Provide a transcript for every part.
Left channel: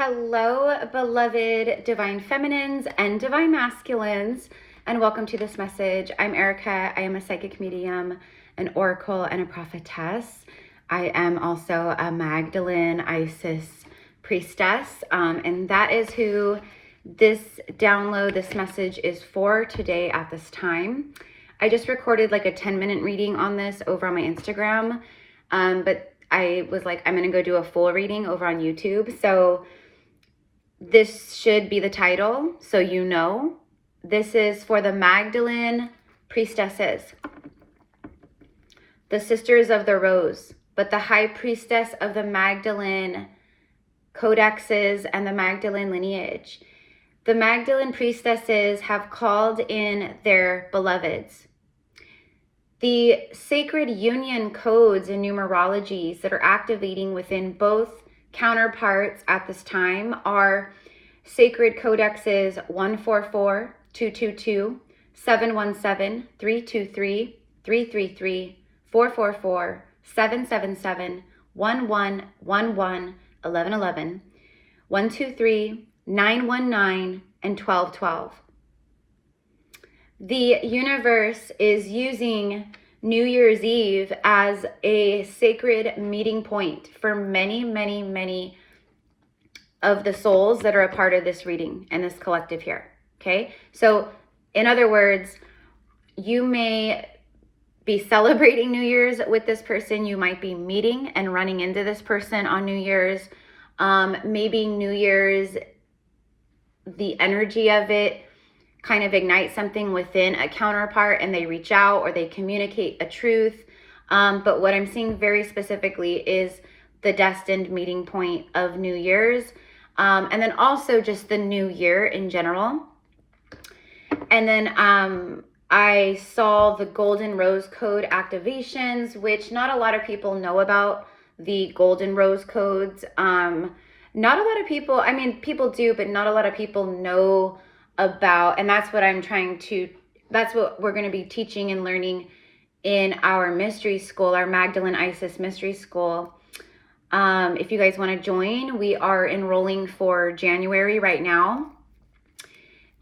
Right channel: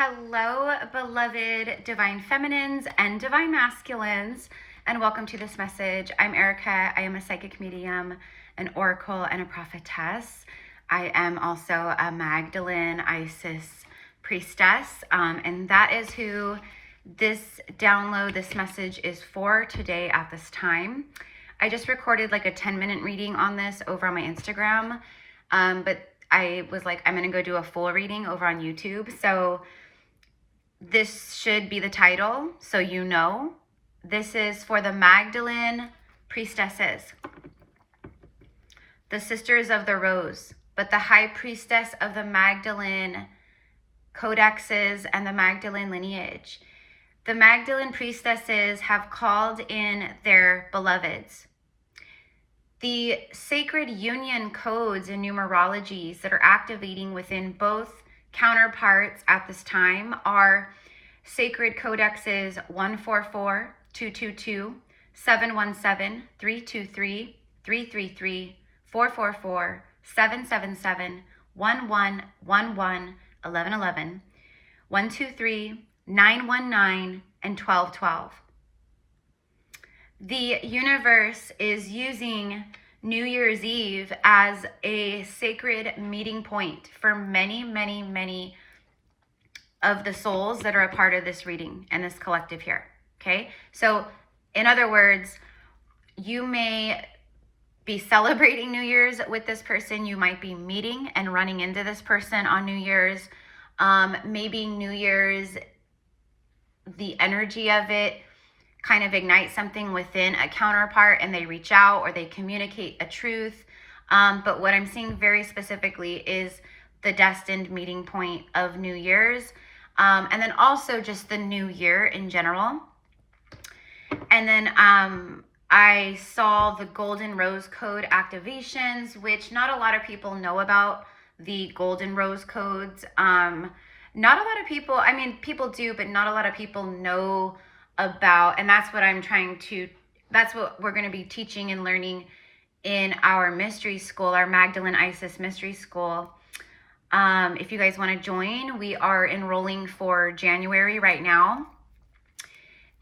Hello, beloved divine feminines and divine masculines, and welcome to this message. I'm Erica. I am a psychic medium, an oracle, and a prophetess. I am also a Magdalene, Isis, priestess, and that is who this download, this message is for today at this time. I just recorded like a 10-minute reading on this over on my Instagram, but I was like, I'm going to go do a full reading over on YouTube. So this should be the title, so you know. This is for the Magdalene priestesses, the sisters of the rose, but the high priestess of the Magdalene codexes and the Magdalene lineage. The Magdalene priestesses have called in their beloveds. The sacred union codes and numerologies that are activating within both counterparts at this time are sacred codexes 144, 222, 717, 323, 333, 444, 777, 1111, 1111, 123, 919, and 1212. The universe is using New Year's Eve as a sacred meeting point for many, many, many of the souls that are a part of this reading and this collective here. Okay, so in other words, you may be celebrating New Year's with this person. You might be meeting and running into this person on New Year's. Maybe New Year's, the energy of it kind of ignites something within a counterpart and they reach out or they communicate a truth. But what I'm seeing very specifically is the destined meeting point of New Year's. And then also just the new year in general. And then I saw the Golden Rose Code activations, which not a lot of people know about the Golden Rose Codes. Not a lot of people, I mean, people do, but not a lot of people know about, and that's what that's what we're going to be teaching and learning in our mystery school, our Magdalene Isis mystery school. If you guys want to join, we are enrolling for January right now.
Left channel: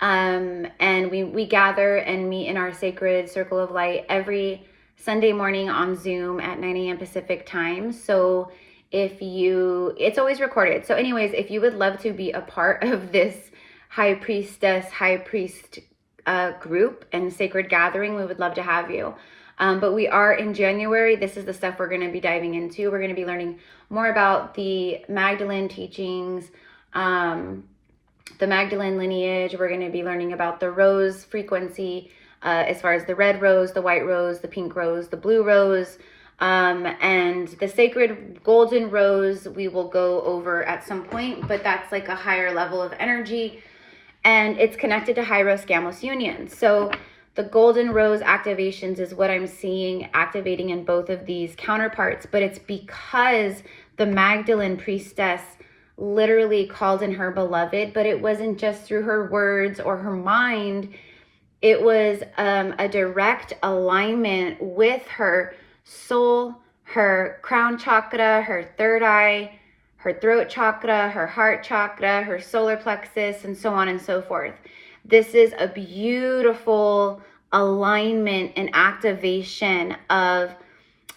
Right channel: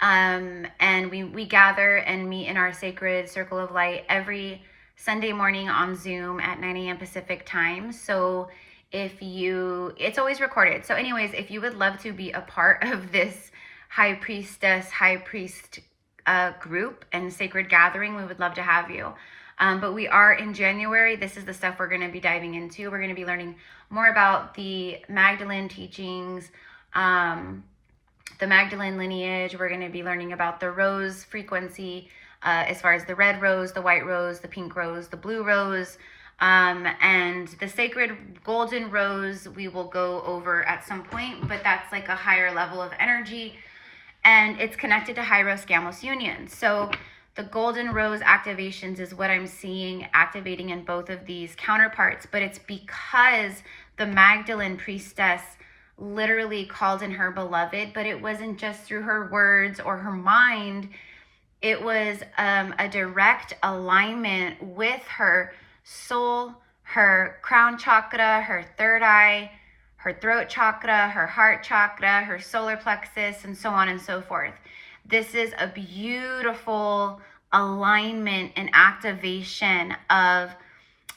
And we gather and meet in our sacred circle of light every Sunday morning on Zoom at 9 a.m. Pacific time. So it's always recorded. So anyways, if you would love to be a part of this high priestess, high priest group and sacred gathering, we would love to have you. But we are in January. This is the stuff we're going to be diving into. We're going to be learning more about the Magdalene teachings, the Magdalene lineage. We're going to be learning about the rose frequency, as far as the red rose, the white rose, the pink rose, the blue rose, and the sacred golden rose we will go over at some point, but that's like a higher level of energy, and it's connected to Hieros Gamos union. So the golden rose activations is what I'm seeing activating in both of these counterparts, but it's because the Magdalene priestess literally called in her beloved, but it wasn't just through her words or her mind. It was a direct alignment with her soul, her crown chakra, her third eye, her throat chakra, her heart chakra, her solar plexus, and so on and so forth. This is a beautiful alignment and activation of,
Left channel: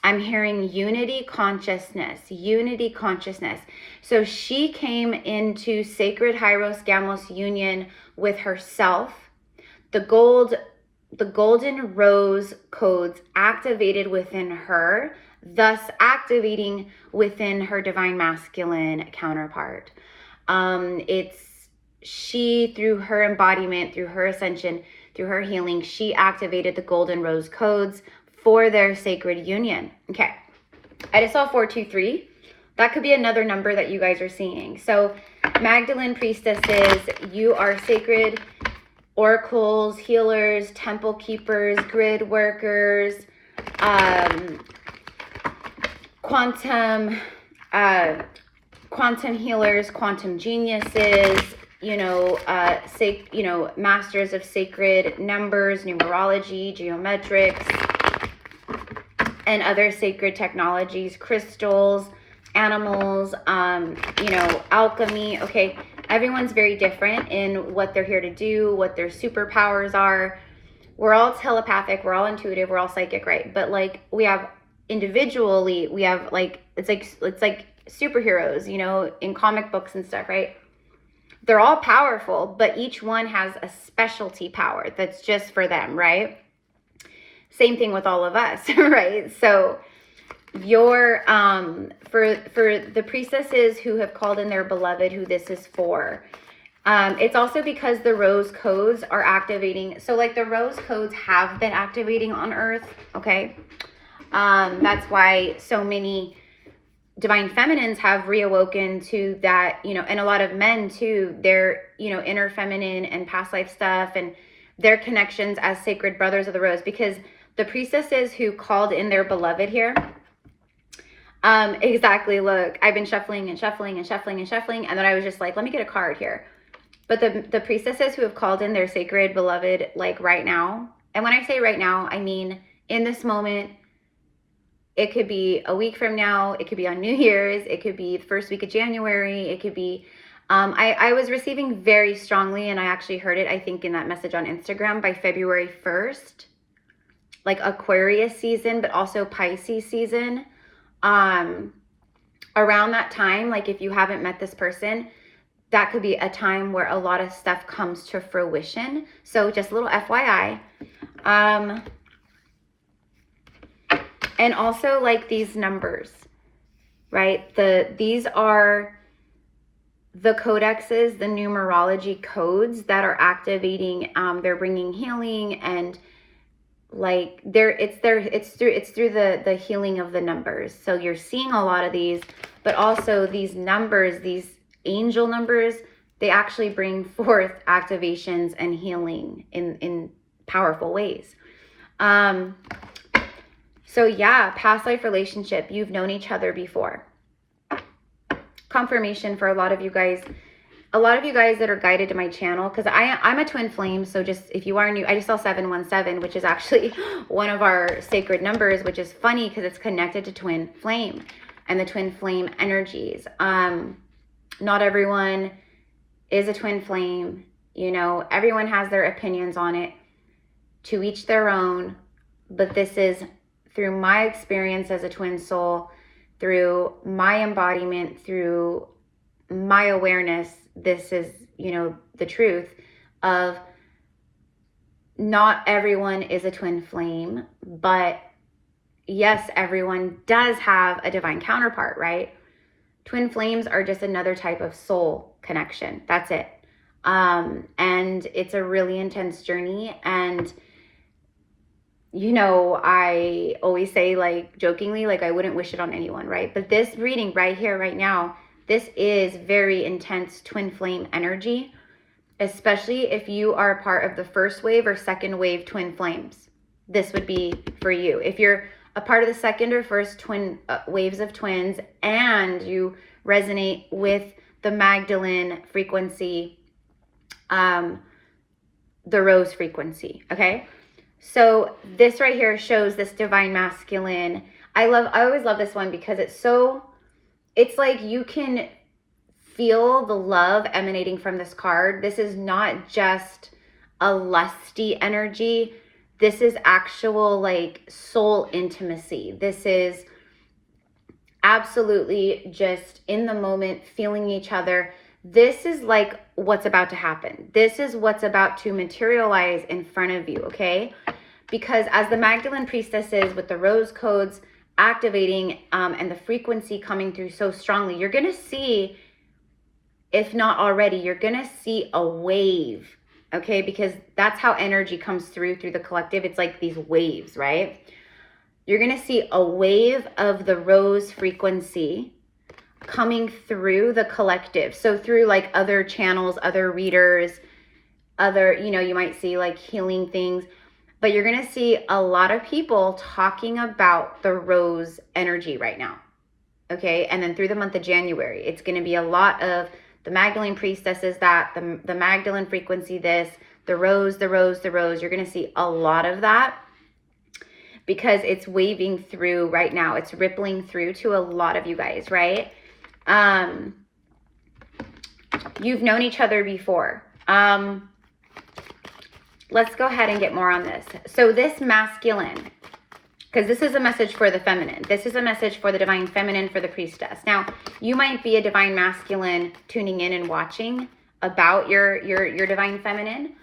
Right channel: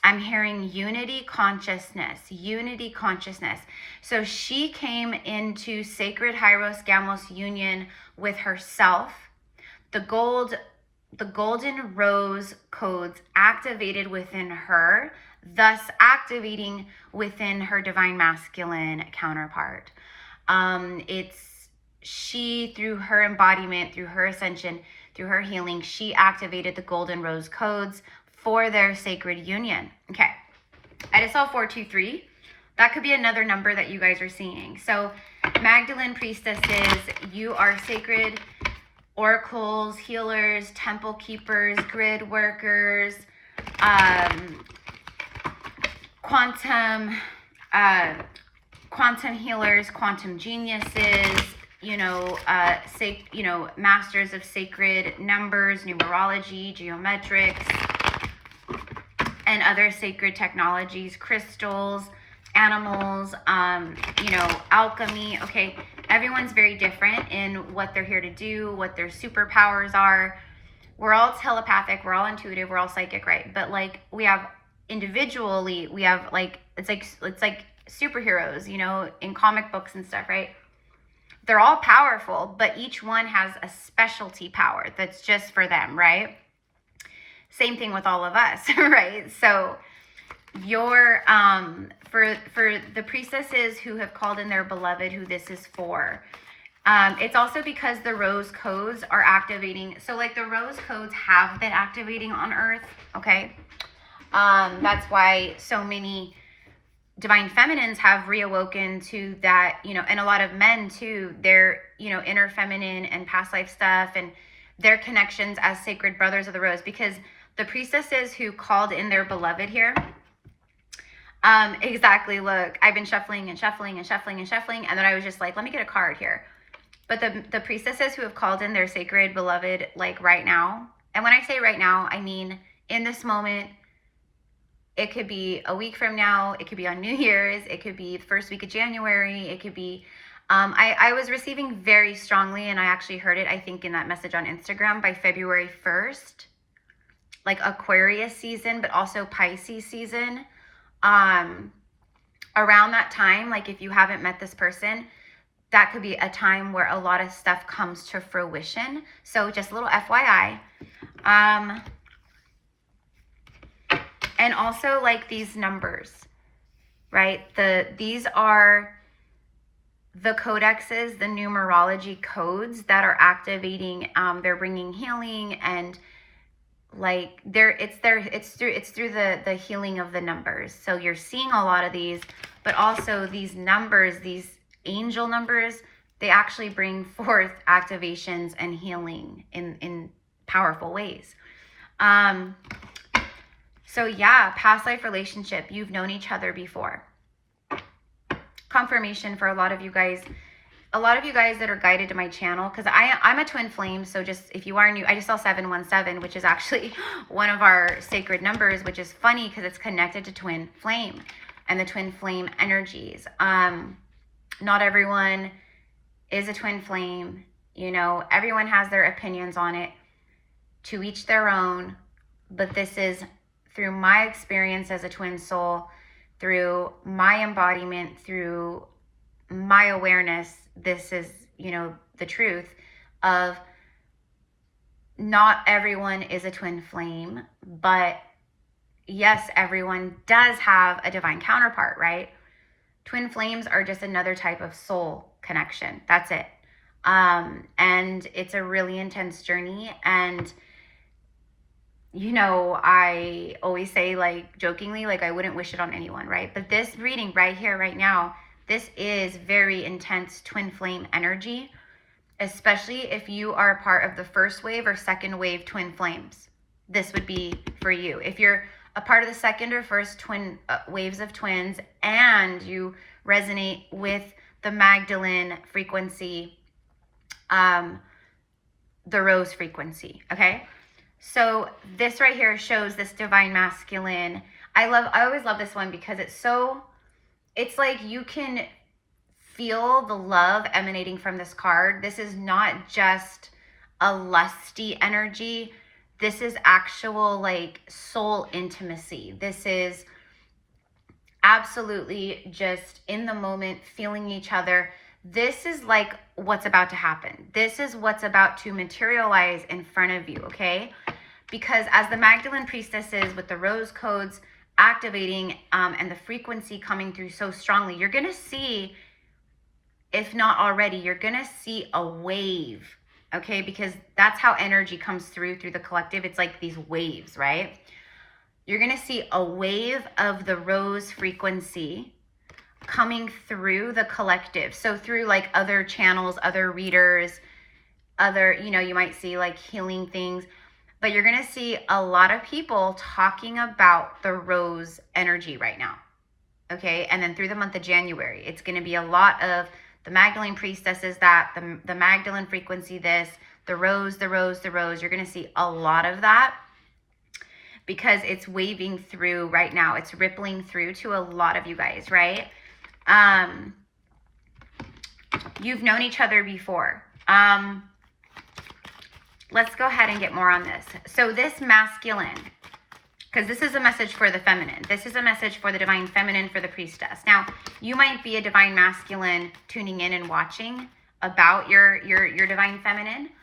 I'm hearing unity consciousness, unity consciousness. So she came into sacred Hieros Gamos union with herself. The golden rose codes activated within her, thus activating within her divine masculine counterpart. She, through her embodiment, through her ascension, through her healing, she activated the golden rose codes for their sacred union. Okay, I just saw 423. That could be another number that you guys are seeing. So Magdalene priestesses, you are sacred oracles, healers, temple keepers, grid workers, quantum healers, quantum geniuses, masters of sacred numbers, numerology, geometrics, and other sacred technologies, crystals, animals, you know, alchemy. Okay, everyone's very different in what they're here to do, what their superpowers are. We're all telepathic, we're all intuitive, we're all psychic, right? But like we have individually, we have like it's like superheroes, you know, in comic books and stuff, right? They're all powerful, but each one has a specialty power that's just for them, right? Same thing with all of us, right? So your for the priestesses who have called in their beloved, who this is for, it's also because the rose codes are activating. So like the rose codes have been activating on Earth, okay? That's why so many divine feminines have reawoken to that, you know, and a lot of men too, their, you know, inner feminine and past life stuff and their connections as sacred brothers of the rose, because the priestesses who called in their beloved here, exactly, look, I've been shuffling and shuffling and shuffling and shuffling, and then I was just like, let me get a card here. But the priestesses who have called in their sacred beloved, like right now, and when I say right now, I mean in this moment. It could be a week from now. It could be on New Year's. It could be the first week of January. It could be, I was receiving very strongly, and I actually heard it, I think, in that message on Instagram by February 1st, like Aquarius season, but also Pisces season. Around that time, like if you haven't met this person, that could be a time where a lot of stuff comes to fruition. So just a little FYI. And also like these numbers, right? These are the codexes, the numerology codes that are activating. They're bringing healing, and like it's through the healing of the numbers. So you're seeing a lot of these, but also these numbers, these angel numbers, they actually bring forth activations and healing in powerful ways. So yeah, past life relationship, you've known each other before. Confirmation for a lot of you guys that are guided to my channel, because I'm a twin flame. So just if you are new, I just saw 717, which is actually one of our sacred numbers, which is funny because it's connected to twin flame and the twin flame energies. Not everyone is a twin flame. You know, everyone has their opinions on it, to each their own. But this is through my experience as a twin soul, through my embodiment, through my awareness. This is, you know, the truth of not everyone is a twin flame, but yes, everyone does have a divine counterpart, right? Twin flames are just another type of soul connection. That's it. And it's a really intense journey. And you know, I always say, like, jokingly, like, I wouldn't wish it on anyone, right? But this reading right here, right now, this is very intense twin flame energy, especially if you are part of the first wave or second wave twin flames. This would be for you. If you're a part of the second or first twin waves of twins, and you resonate with the Magdalene frequency, the rose frequency, okay? So this right here shows this divine masculine. I always love this one because it's like you can feel the love emanating from this card. This is not just a lusty energy. This is actual like soul intimacy. This is absolutely just in the moment, feeling each other. This is like what's about to happen. This is what's about to materialize in front of you, okay? Because as the Magdalene priestess is, with the rose codes activating and the frequency coming through so strongly, you're going to see, if not already, you're going to see a wave, okay? Because that's how energy comes through the collective. It's like these waves, right? You're going to see a wave of the rose frequency coming through the collective. So through like other channels, other readers, other, you know, you might see like healing things, but you're going to see a lot of people talking about the rose energy right now. Okay. And then through the month of January, it's going to be a lot of the Magdalene priestesses, that the Magdalene frequency, this, the rose, the rose, the rose. You're going to see a lot of that. because it's waving through right now. It's rippling through to a lot of you guys, right? You've known each other before. Let's go ahead and get more on this. So this masculine, because this is a message for the feminine. This is a message for the divine feminine, for the priestess. Now, you might be a divine masculine tuning in and watching about your divine feminine.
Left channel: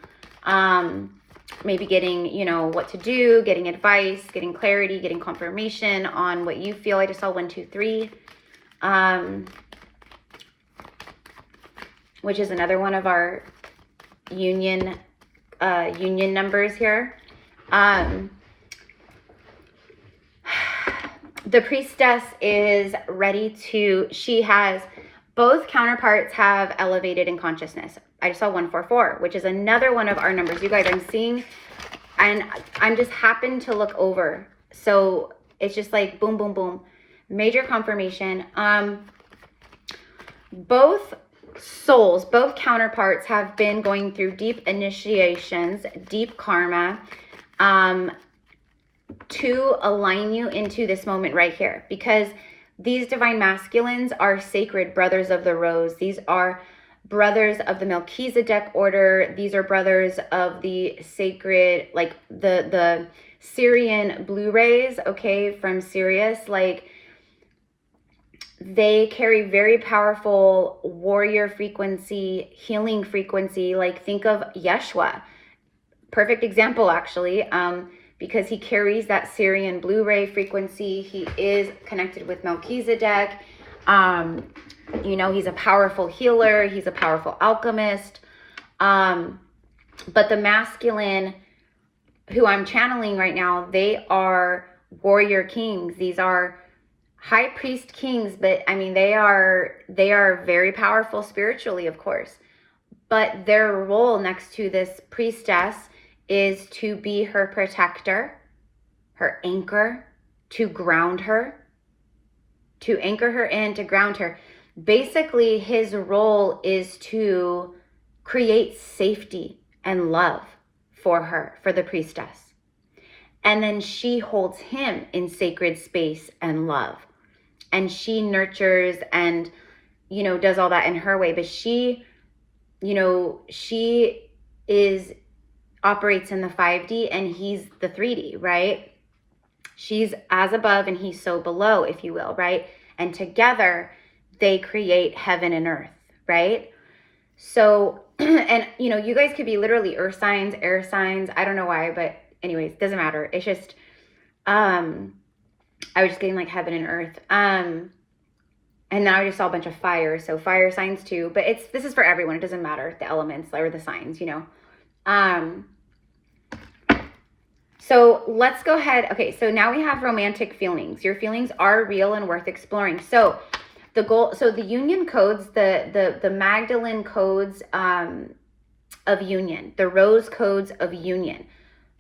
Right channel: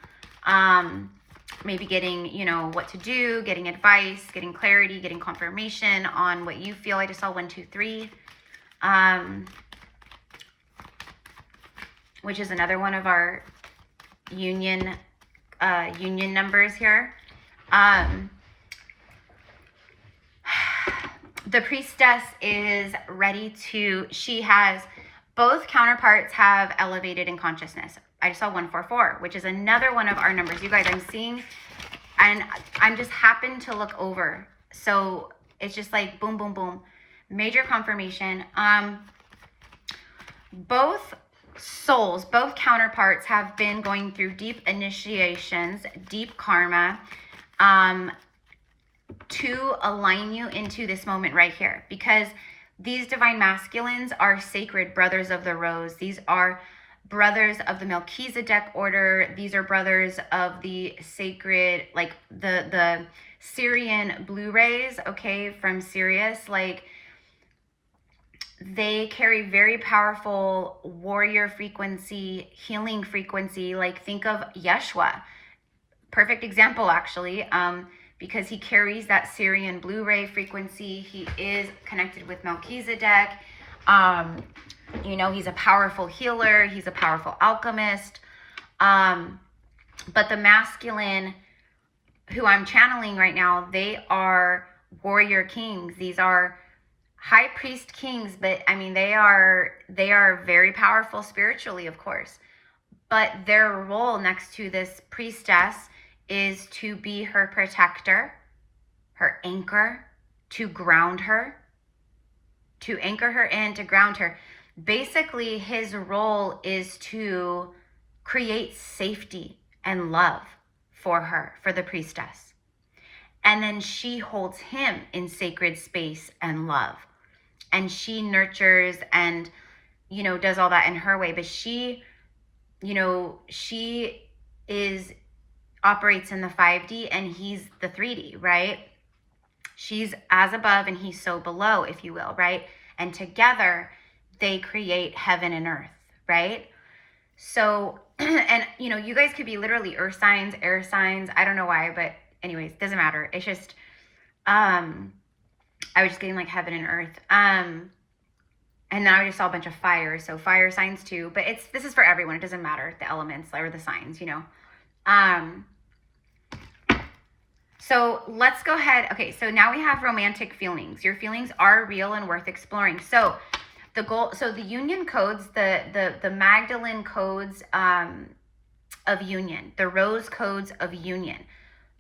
Maybe getting, you know, what to do, getting advice, getting clarity, getting confirmation on what you feel. I just saw 1, 2, 3. Which is another one of our union numbers here. The priestess is ready to, she has, both counterparts have elevated in consciousness. I just saw 144, which is another one of our numbers. You guys, I'm seeing, and I'm just happened to look over. So it's just like boom, boom, boom. Major confirmation. Both souls, both counterparts have been going through deep initiations, deep karma, to align you into this moment right here, because these divine masculines are sacred brothers of the rose. These are brothers of the Melchizedek order. These are brothers of the sacred, like the Syrian blue rays, okay, from Sirius. Like, they carry very powerful warrior frequency, healing frequency. Like, think of Yeshua. Perfect example, actually, because he carries that Syrian blue ray frequency. He is connected with Melchizedek. You know, he's a powerful healer. He's a powerful alchemist. But the masculine who I'm channeling right now, they are warrior kings. These are high priest kings, but I mean, they are very powerful spiritually, of course. But their role next to this priestess is to be her protector, her anchor, to ground her, to anchor her in, to ground her. Basically, his role is to create safety and love for her, for the priestess. And then she holds him in sacred space and love. And she nurtures and, you know, does all that in her way. But she, you know, she operates in the 5D and he's the 3D, right? She's as above and he's so below, if you will, right? And together they create heaven and earth, right? So, and you know, you guys could be literally earth signs, air signs. I don't know why, but anyways, doesn't matter. It's just, I was just getting like heaven and earth. And now I just saw a bunch of fire. So fire signs too, but this is for everyone. It doesn't matter the elements or the signs, you know. So let's go ahead. Okay. So now we have romantic feelings. Your feelings are real and worth exploring. So the goal, so the union codes, the Magdalene codes, of union, the rose codes of union,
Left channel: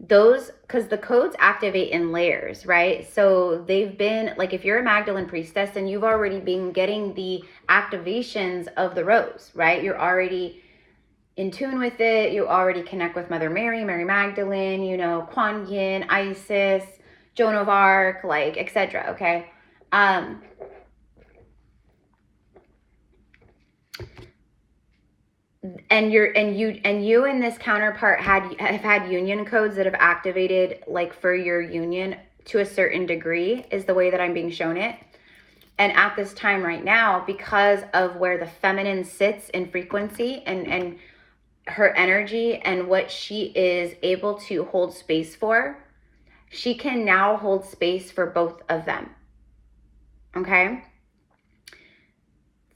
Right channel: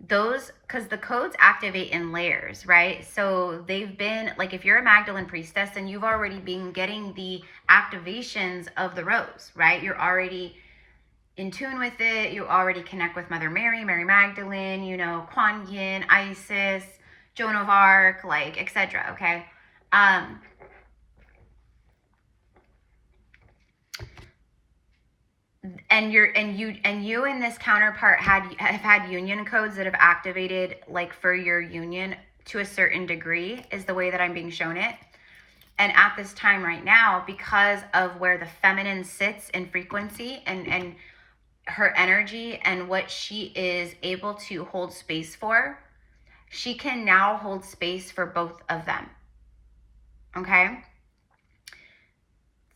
those, because the codes activate in layers, right? So they've been like, if you're a Magdalene priestess, then you've already been getting the activations of the rose, right? You're already in tune with it. You already connect with Mother Mary, Mary Magdalene, you know, Kuan Yin, Isis, Joan of Arc, like, etc. Okay. And you and this counterpart have had union codes that have activated, like, for your union to a certain degree, is the way that I'm being shown it. And at this time right now, because of where the feminine sits in frequency and her energy and what she is able to hold space for, she can now hold space for both of them. Okay?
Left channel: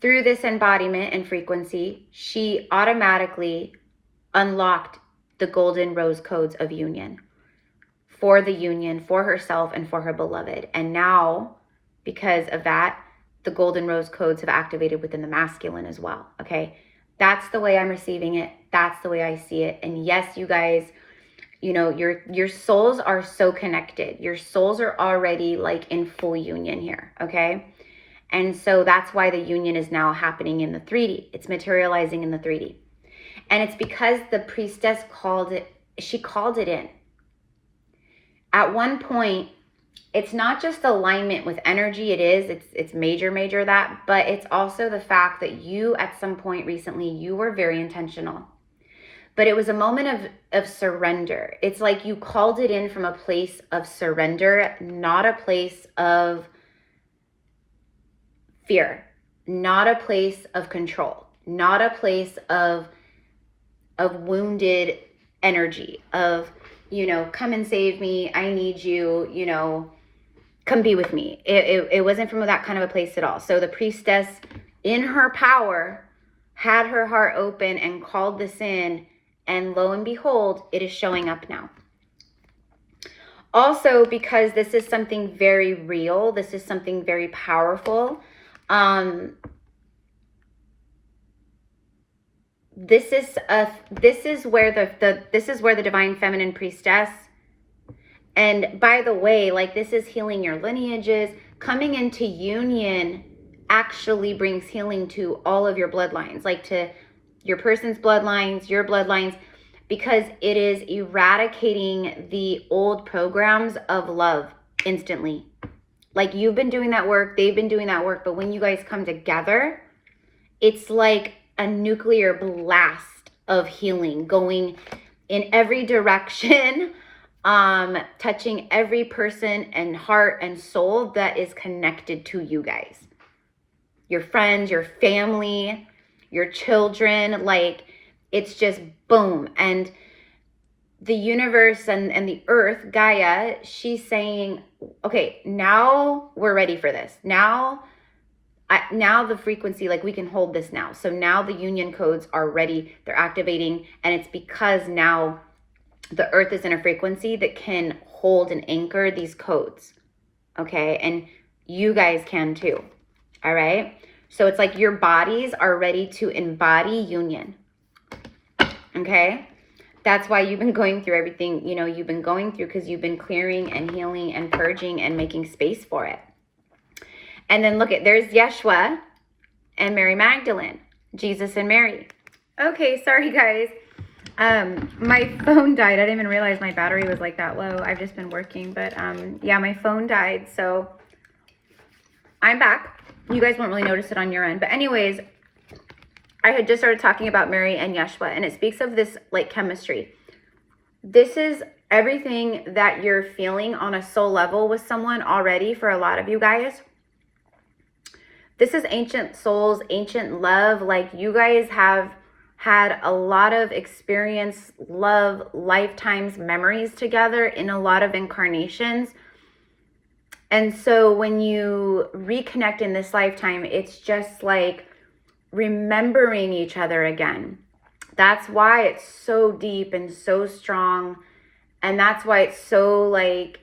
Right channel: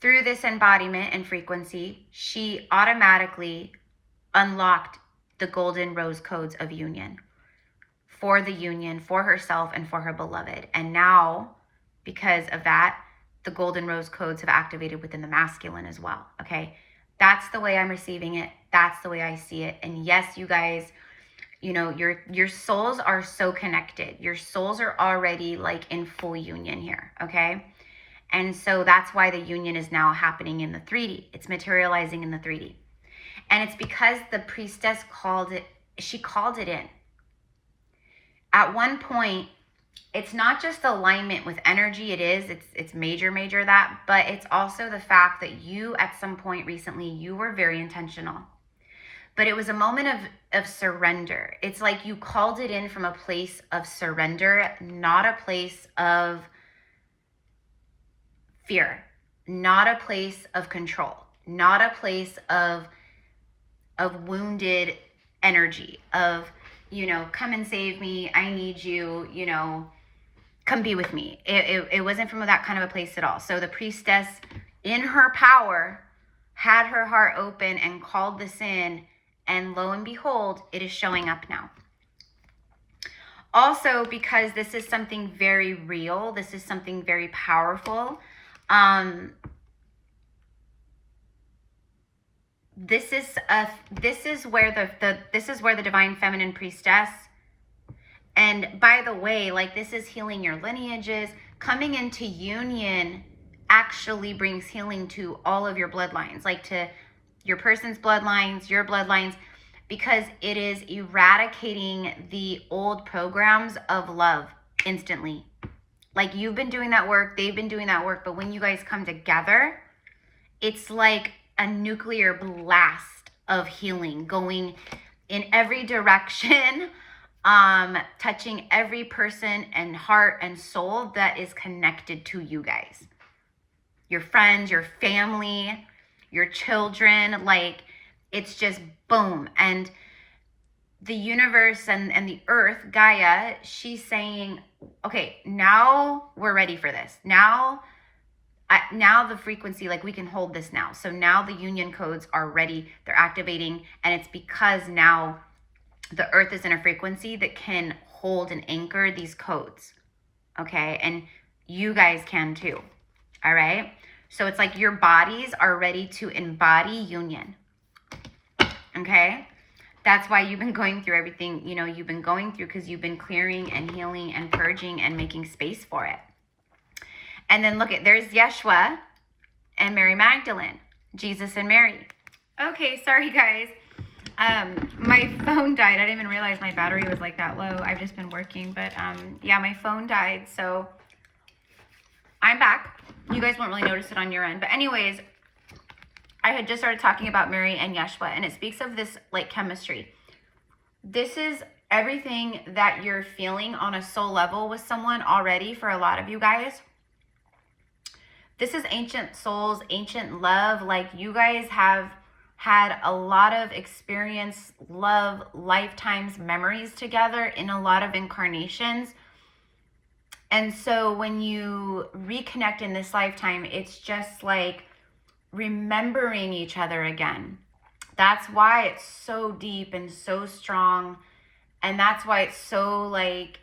Through this embodiment and frequency, she automatically unlocked the golden rose codes of union, for herself and for her beloved. And now, because of that, the golden rose codes have activated within the masculine as well. Okay. That's the way I'm receiving it. That's the way I see it. And yes, you guys, you know, your souls are so connected. Your souls are already like in full union here. Okay. And so that's why the union is now happening in the 3D. It's materializing in the 3D. And it's because the priestess called it in. At one point, it's not just alignment with energy. It's major that, but it's also the fact that you at some point recently, you were very intentional, but it was a moment of surrender. It's like you called it in from a place of surrender, not a place of fear, not a place of control, not a place of wounded energy of, come and save me, I need you, come be with me. It wasn't from that kind of a place at all. So the priestess, in her power, had her heart open and called this in, and lo and behold, it is showing up now. Also, because this is something very real, this is something very powerful. This is where the divine feminine priestess, and by the way, like, this is healing your lineages. Coming into union actually brings healing to all of your bloodlines, like to your person's bloodlines, your bloodlines, because it is eradicating the old programs of love instantly. Like, you've been doing that work, they've been doing that work, but when you guys come together, it's like a nuclear blast of healing going in every direction, touching every person and heart and soul that is connected to you guys. Your friends, your family, your children, like, it's just boom. And the universe and the earth, Gaia, she's saying, okay, now we're ready for this. Now the frequency, like, we can hold this now. So now the union codes are ready, they're activating, and it's because now the earth is in a frequency that can hold and anchor these codes. Okay, and you guys can too. All right, so it's like your bodies are ready to embody union. Okay, that's why you've been going through everything you've been going through, because you've been clearing and healing and purging and making space for it. And then look at, there's Yeshua and Mary Magdalene, Jesus and Mary. Okay, sorry guys. My phone died. I didn't even realize my battery was like that low. I've just been working, but yeah, my phone died. So I'm back. You guys won't really notice it on your end. But anyways, I had just started talking about Mary and Yeshua, and it speaks of this like chemistry. This is everything that you're feeling on a soul level with someone already for a lot of you guys. This is ancient souls, ancient love. Like, you guys have had a lot of experience, love, lifetimes, memories together in a lot of incarnations. And so when you reconnect in this lifetime, it's just like remembering each other again. That's why it's so deep and so strong. And that's why it's so like,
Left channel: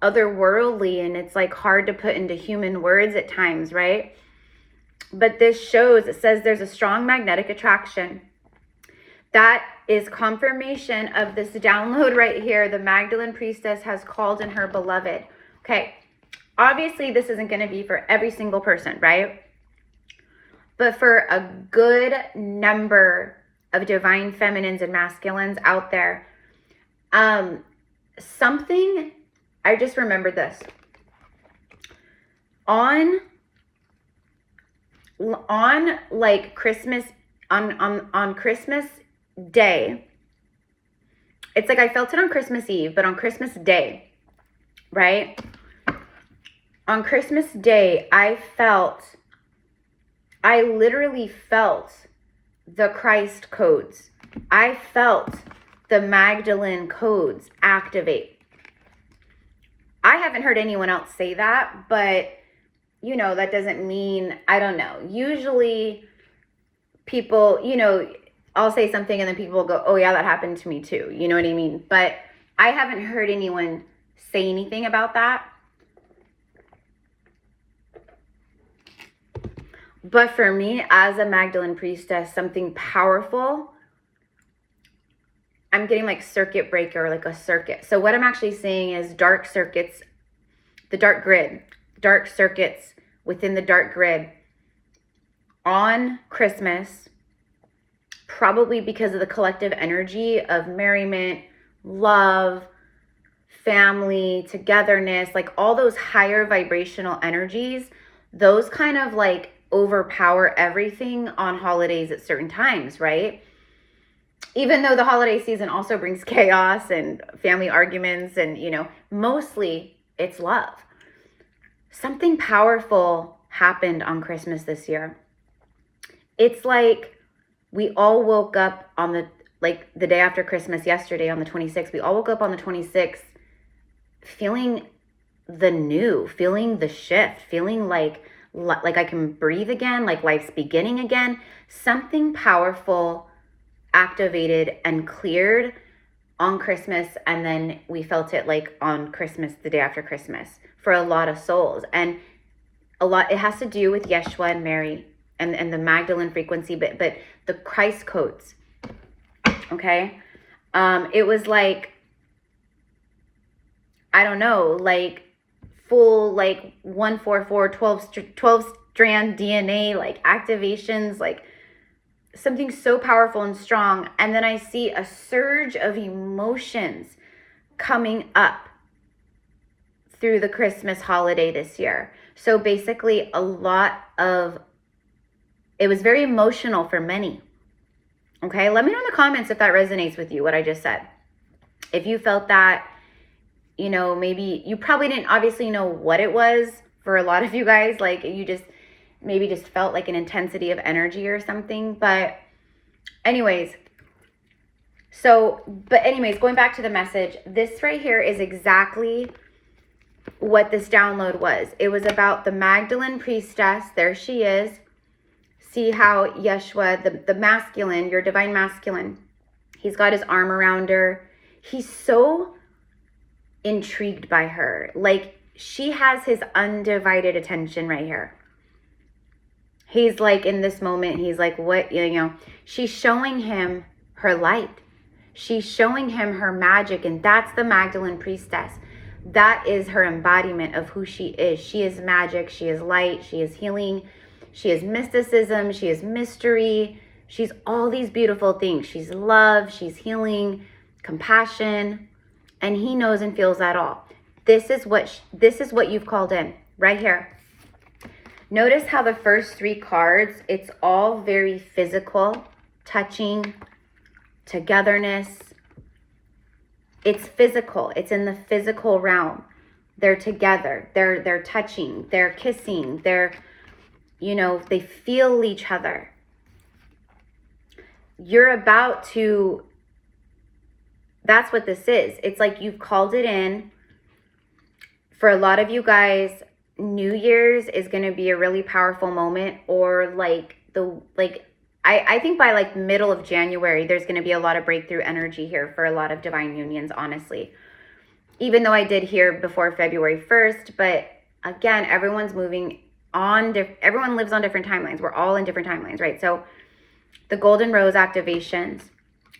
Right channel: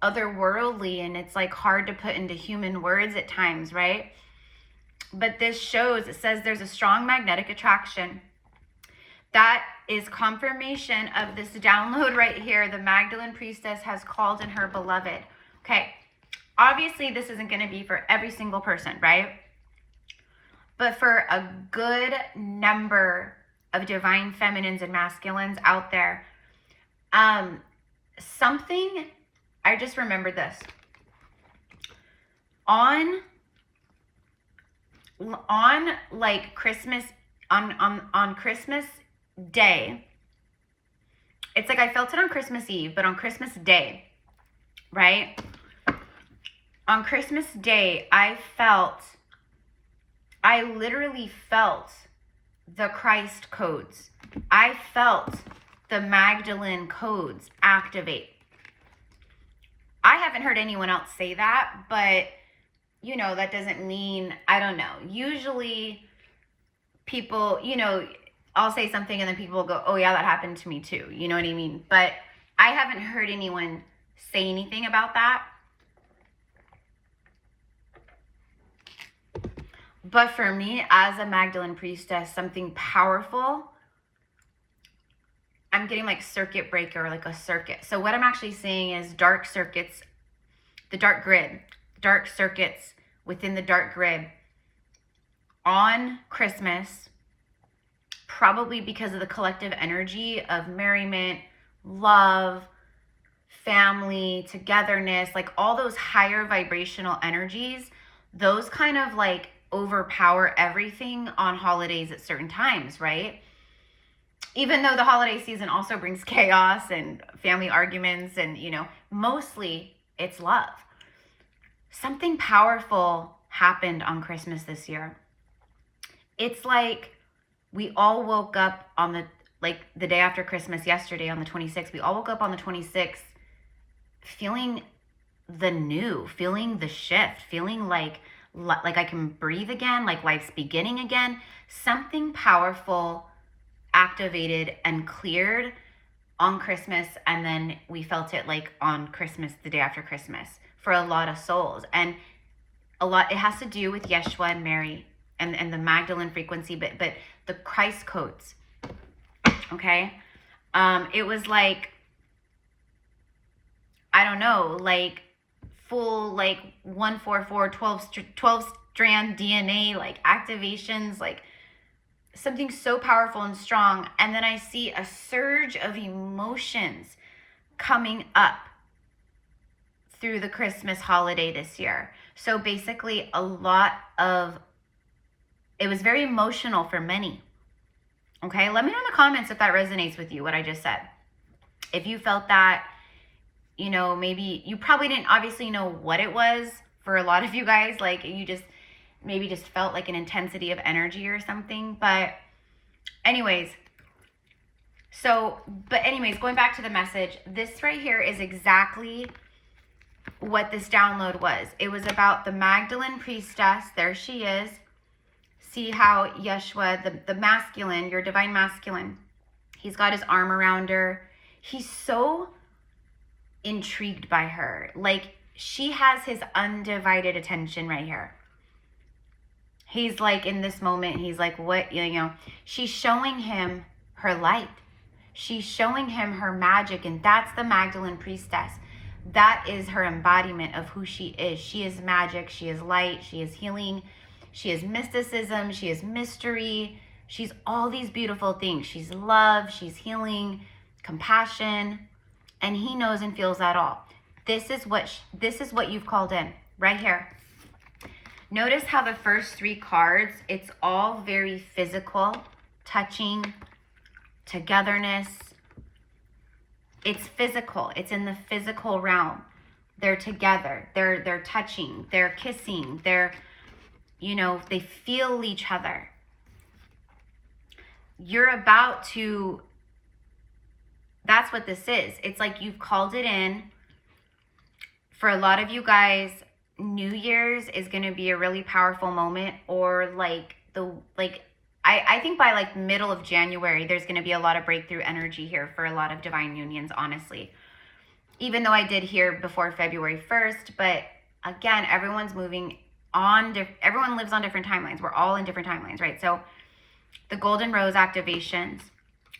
otherworldly, and it's like hard to put into human words at times, right? But this shows, it says there's a strong magnetic attraction. That is confirmation of this download right here. The Magdalene priestess has called in her beloved. Okay, obviously this isn't going to be for every single person, right? But for a good number of divine feminines and masculines out there, something, I just remembered this. On like Christmas, on Christmas Day, it's like I felt it on Christmas Eve, but on Christmas Day, right? On Christmas Day, I literally felt the Christ codes. I felt the Magdalene codes activate. I haven't heard anyone else say that, but that doesn't mean, I don't know. Usually people, I'll say something and then people will go, oh yeah, that happened to me too. You know what I mean? But I haven't heard anyone say anything about that. But for me, as a Magdalene priestess, something powerful, I'm getting like circuit breaker, like a circuit. So what I'm actually seeing is dark circuits, the dark grid, dark circuits within the dark grid on Christmas, probably because of the collective energy of merriment, love, family, togetherness, like all those higher vibrational energies, those kind of like overpower everything on holidays at certain times, right? Even though the holiday season also brings chaos and family arguments and, you know, mostly it's love. Something powerful happened on Christmas this year. It's like we all woke up on the day after Christmas yesterday on the 26th. We all woke up on the 26th feeling the new, feeling the shift, feeling like I can breathe again, like life's beginning again. Something powerful activated and cleared on Christmas, and then we felt it like on Christmas, the day after Christmas, for a lot of souls. And a lot, it has to do with Yeshua and Mary and the Magdalene frequency, but the Christ codes. Okay. It was like, I don't know, like full, like 144, 12 strand DNA, like activations, like something so powerful and strong. And then I see a surge of emotions coming up through the Christmas holiday this year. So basically it was very emotional for many. Okay, let me know in the comments if that resonates with you, what I just said. If you felt that, you know, maybe you probably didn't obviously know what it was for a lot of you guys. Like you just maybe just felt like an intensity of energy or something. But anyways, going back to the message, this right here is exactly what this download was. It was about the Magdalene priestess. There she is. See how Yeshua, the masculine, your divine masculine, he's got his arm around her. He's so intrigued by her. Like she has his undivided attention right here. He's like, in this moment, he's like, what, you know, she's showing him her light. She's showing him her magic. And that's the Magdalene priestess. That is her embodiment of who she is. She is magic. She is light. She is healing. She is mysticism. She is mystery. She's all these beautiful things. She's love. She's healing, compassion. And he knows and feels that all. This is what you've called in right here. Notice how the first three cards, it's all very physical, touching, togetherness. It's physical. It's in the physical realm. They're together. They're touching. They're kissing. They're, you know, they feel each other. You're about to, that's what this is. It's like you've called it in. For a lot of you guys, New Year's is going to be a really powerful moment, or I think by like middle of January, there's going to be a lot of breakthrough energy here for a lot of divine unions, honestly. Even though I did hear before February 1st, but again, everyone's moving on, everyone lives on different timelines. We're all in different timelines, right? So the golden rose activations,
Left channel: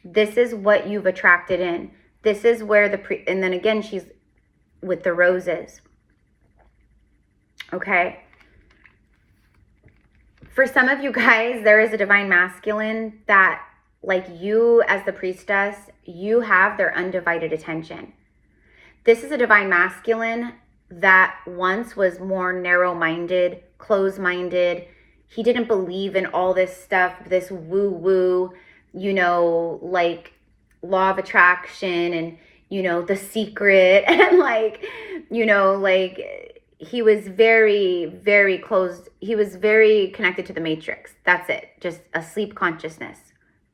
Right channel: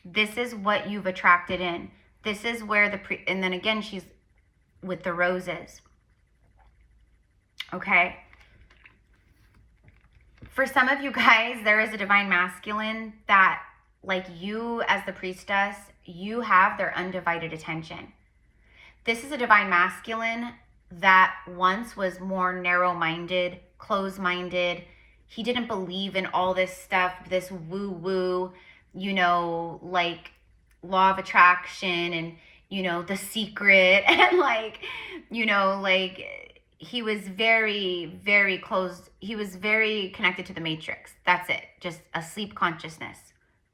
this is what you've attracted in. This is where and then again, she's with the roses. Okay. For some of you guys, there is a divine masculine that, like you as the priestess, you have their undivided attention. This is a divine masculine that once was more narrow-minded, closed-minded. He didn't believe in all this stuff, this woo-woo, you know, like law of attraction and, you know, The Secret and like, you know, like he was very, very closed. He was very connected to the matrix. That's it. Just a sleep consciousness.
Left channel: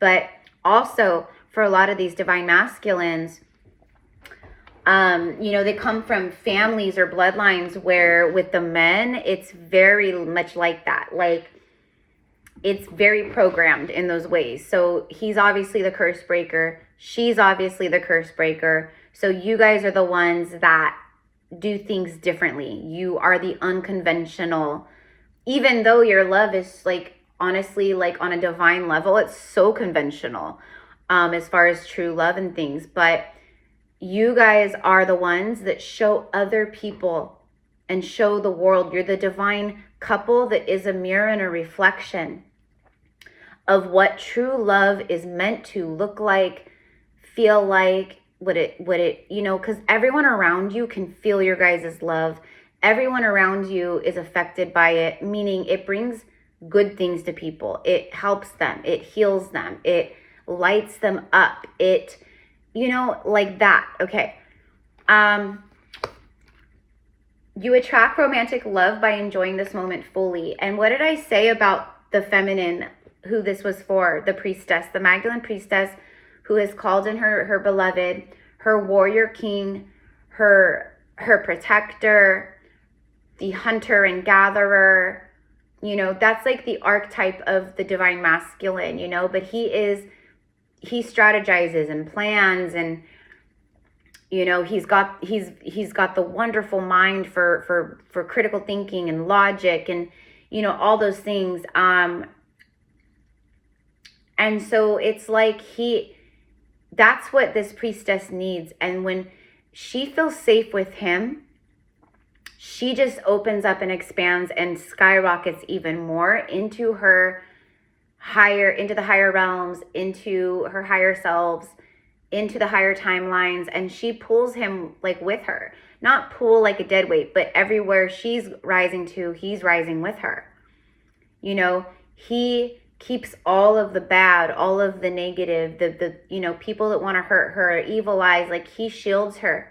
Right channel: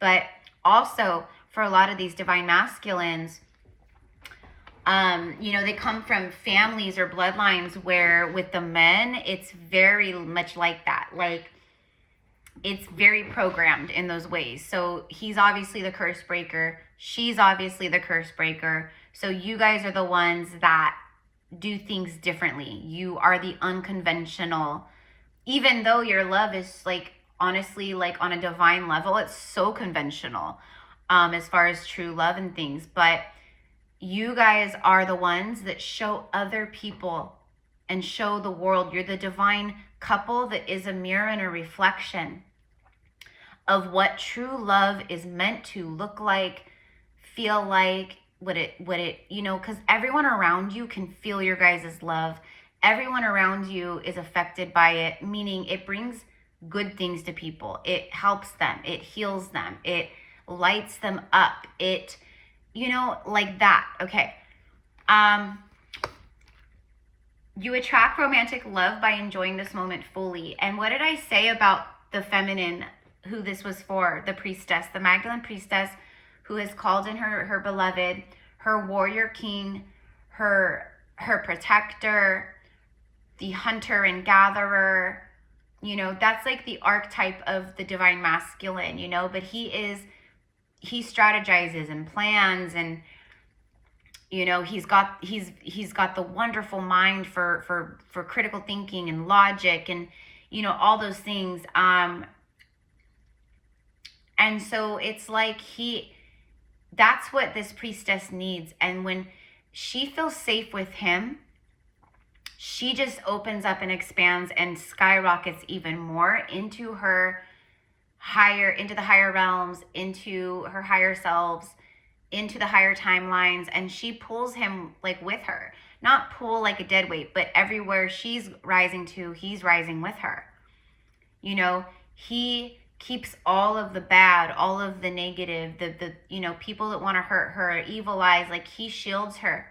But also for a lot of these divine masculines, you know, they come from families or bloodlines where with the men, it's very much like that. Like it's very programmed in those ways. So he's obviously the curse breaker. She's obviously the curse breaker. So you guys are the ones that do things differently. You are the unconventional, even though your love is like, honestly, like on a divine level, it's so conventional, as far as true love and things. But you guys are the ones that show other people and show the world. You're the divine couple that is a mirror and a reflection of what true love is meant to look like, feel like, you know, because everyone around you can feel your guys' love. Everyone around you is affected by it, meaning it brings good things to people. It helps them. It heals them. It lights them up. It, you know, like that. Okay. You attract romantic love by enjoying this moment fully. And what did I say about the feminine, who this was for? The priestess, the Magdalene priestess, who has called in her beloved, her warrior king, her protector, the hunter and gatherer. You know, that's like the archetype of the divine masculine, you know, but he strategizes and plans, and you know, he's got the wonderful mind for critical thinking and logic, and you know, all those things. And so it's like that's what this priestess needs. And when she feels safe with him, she just opens up and expands and skyrockets even more into the higher realms, into her higher selves, into the higher timelines. And she pulls him like with her, not pull like a dead weight, but everywhere she's rising to, he's rising with her. You know, he keeps all of the bad, all of the negative, the you know, people that want to hurt her, evil eyes, like he shields her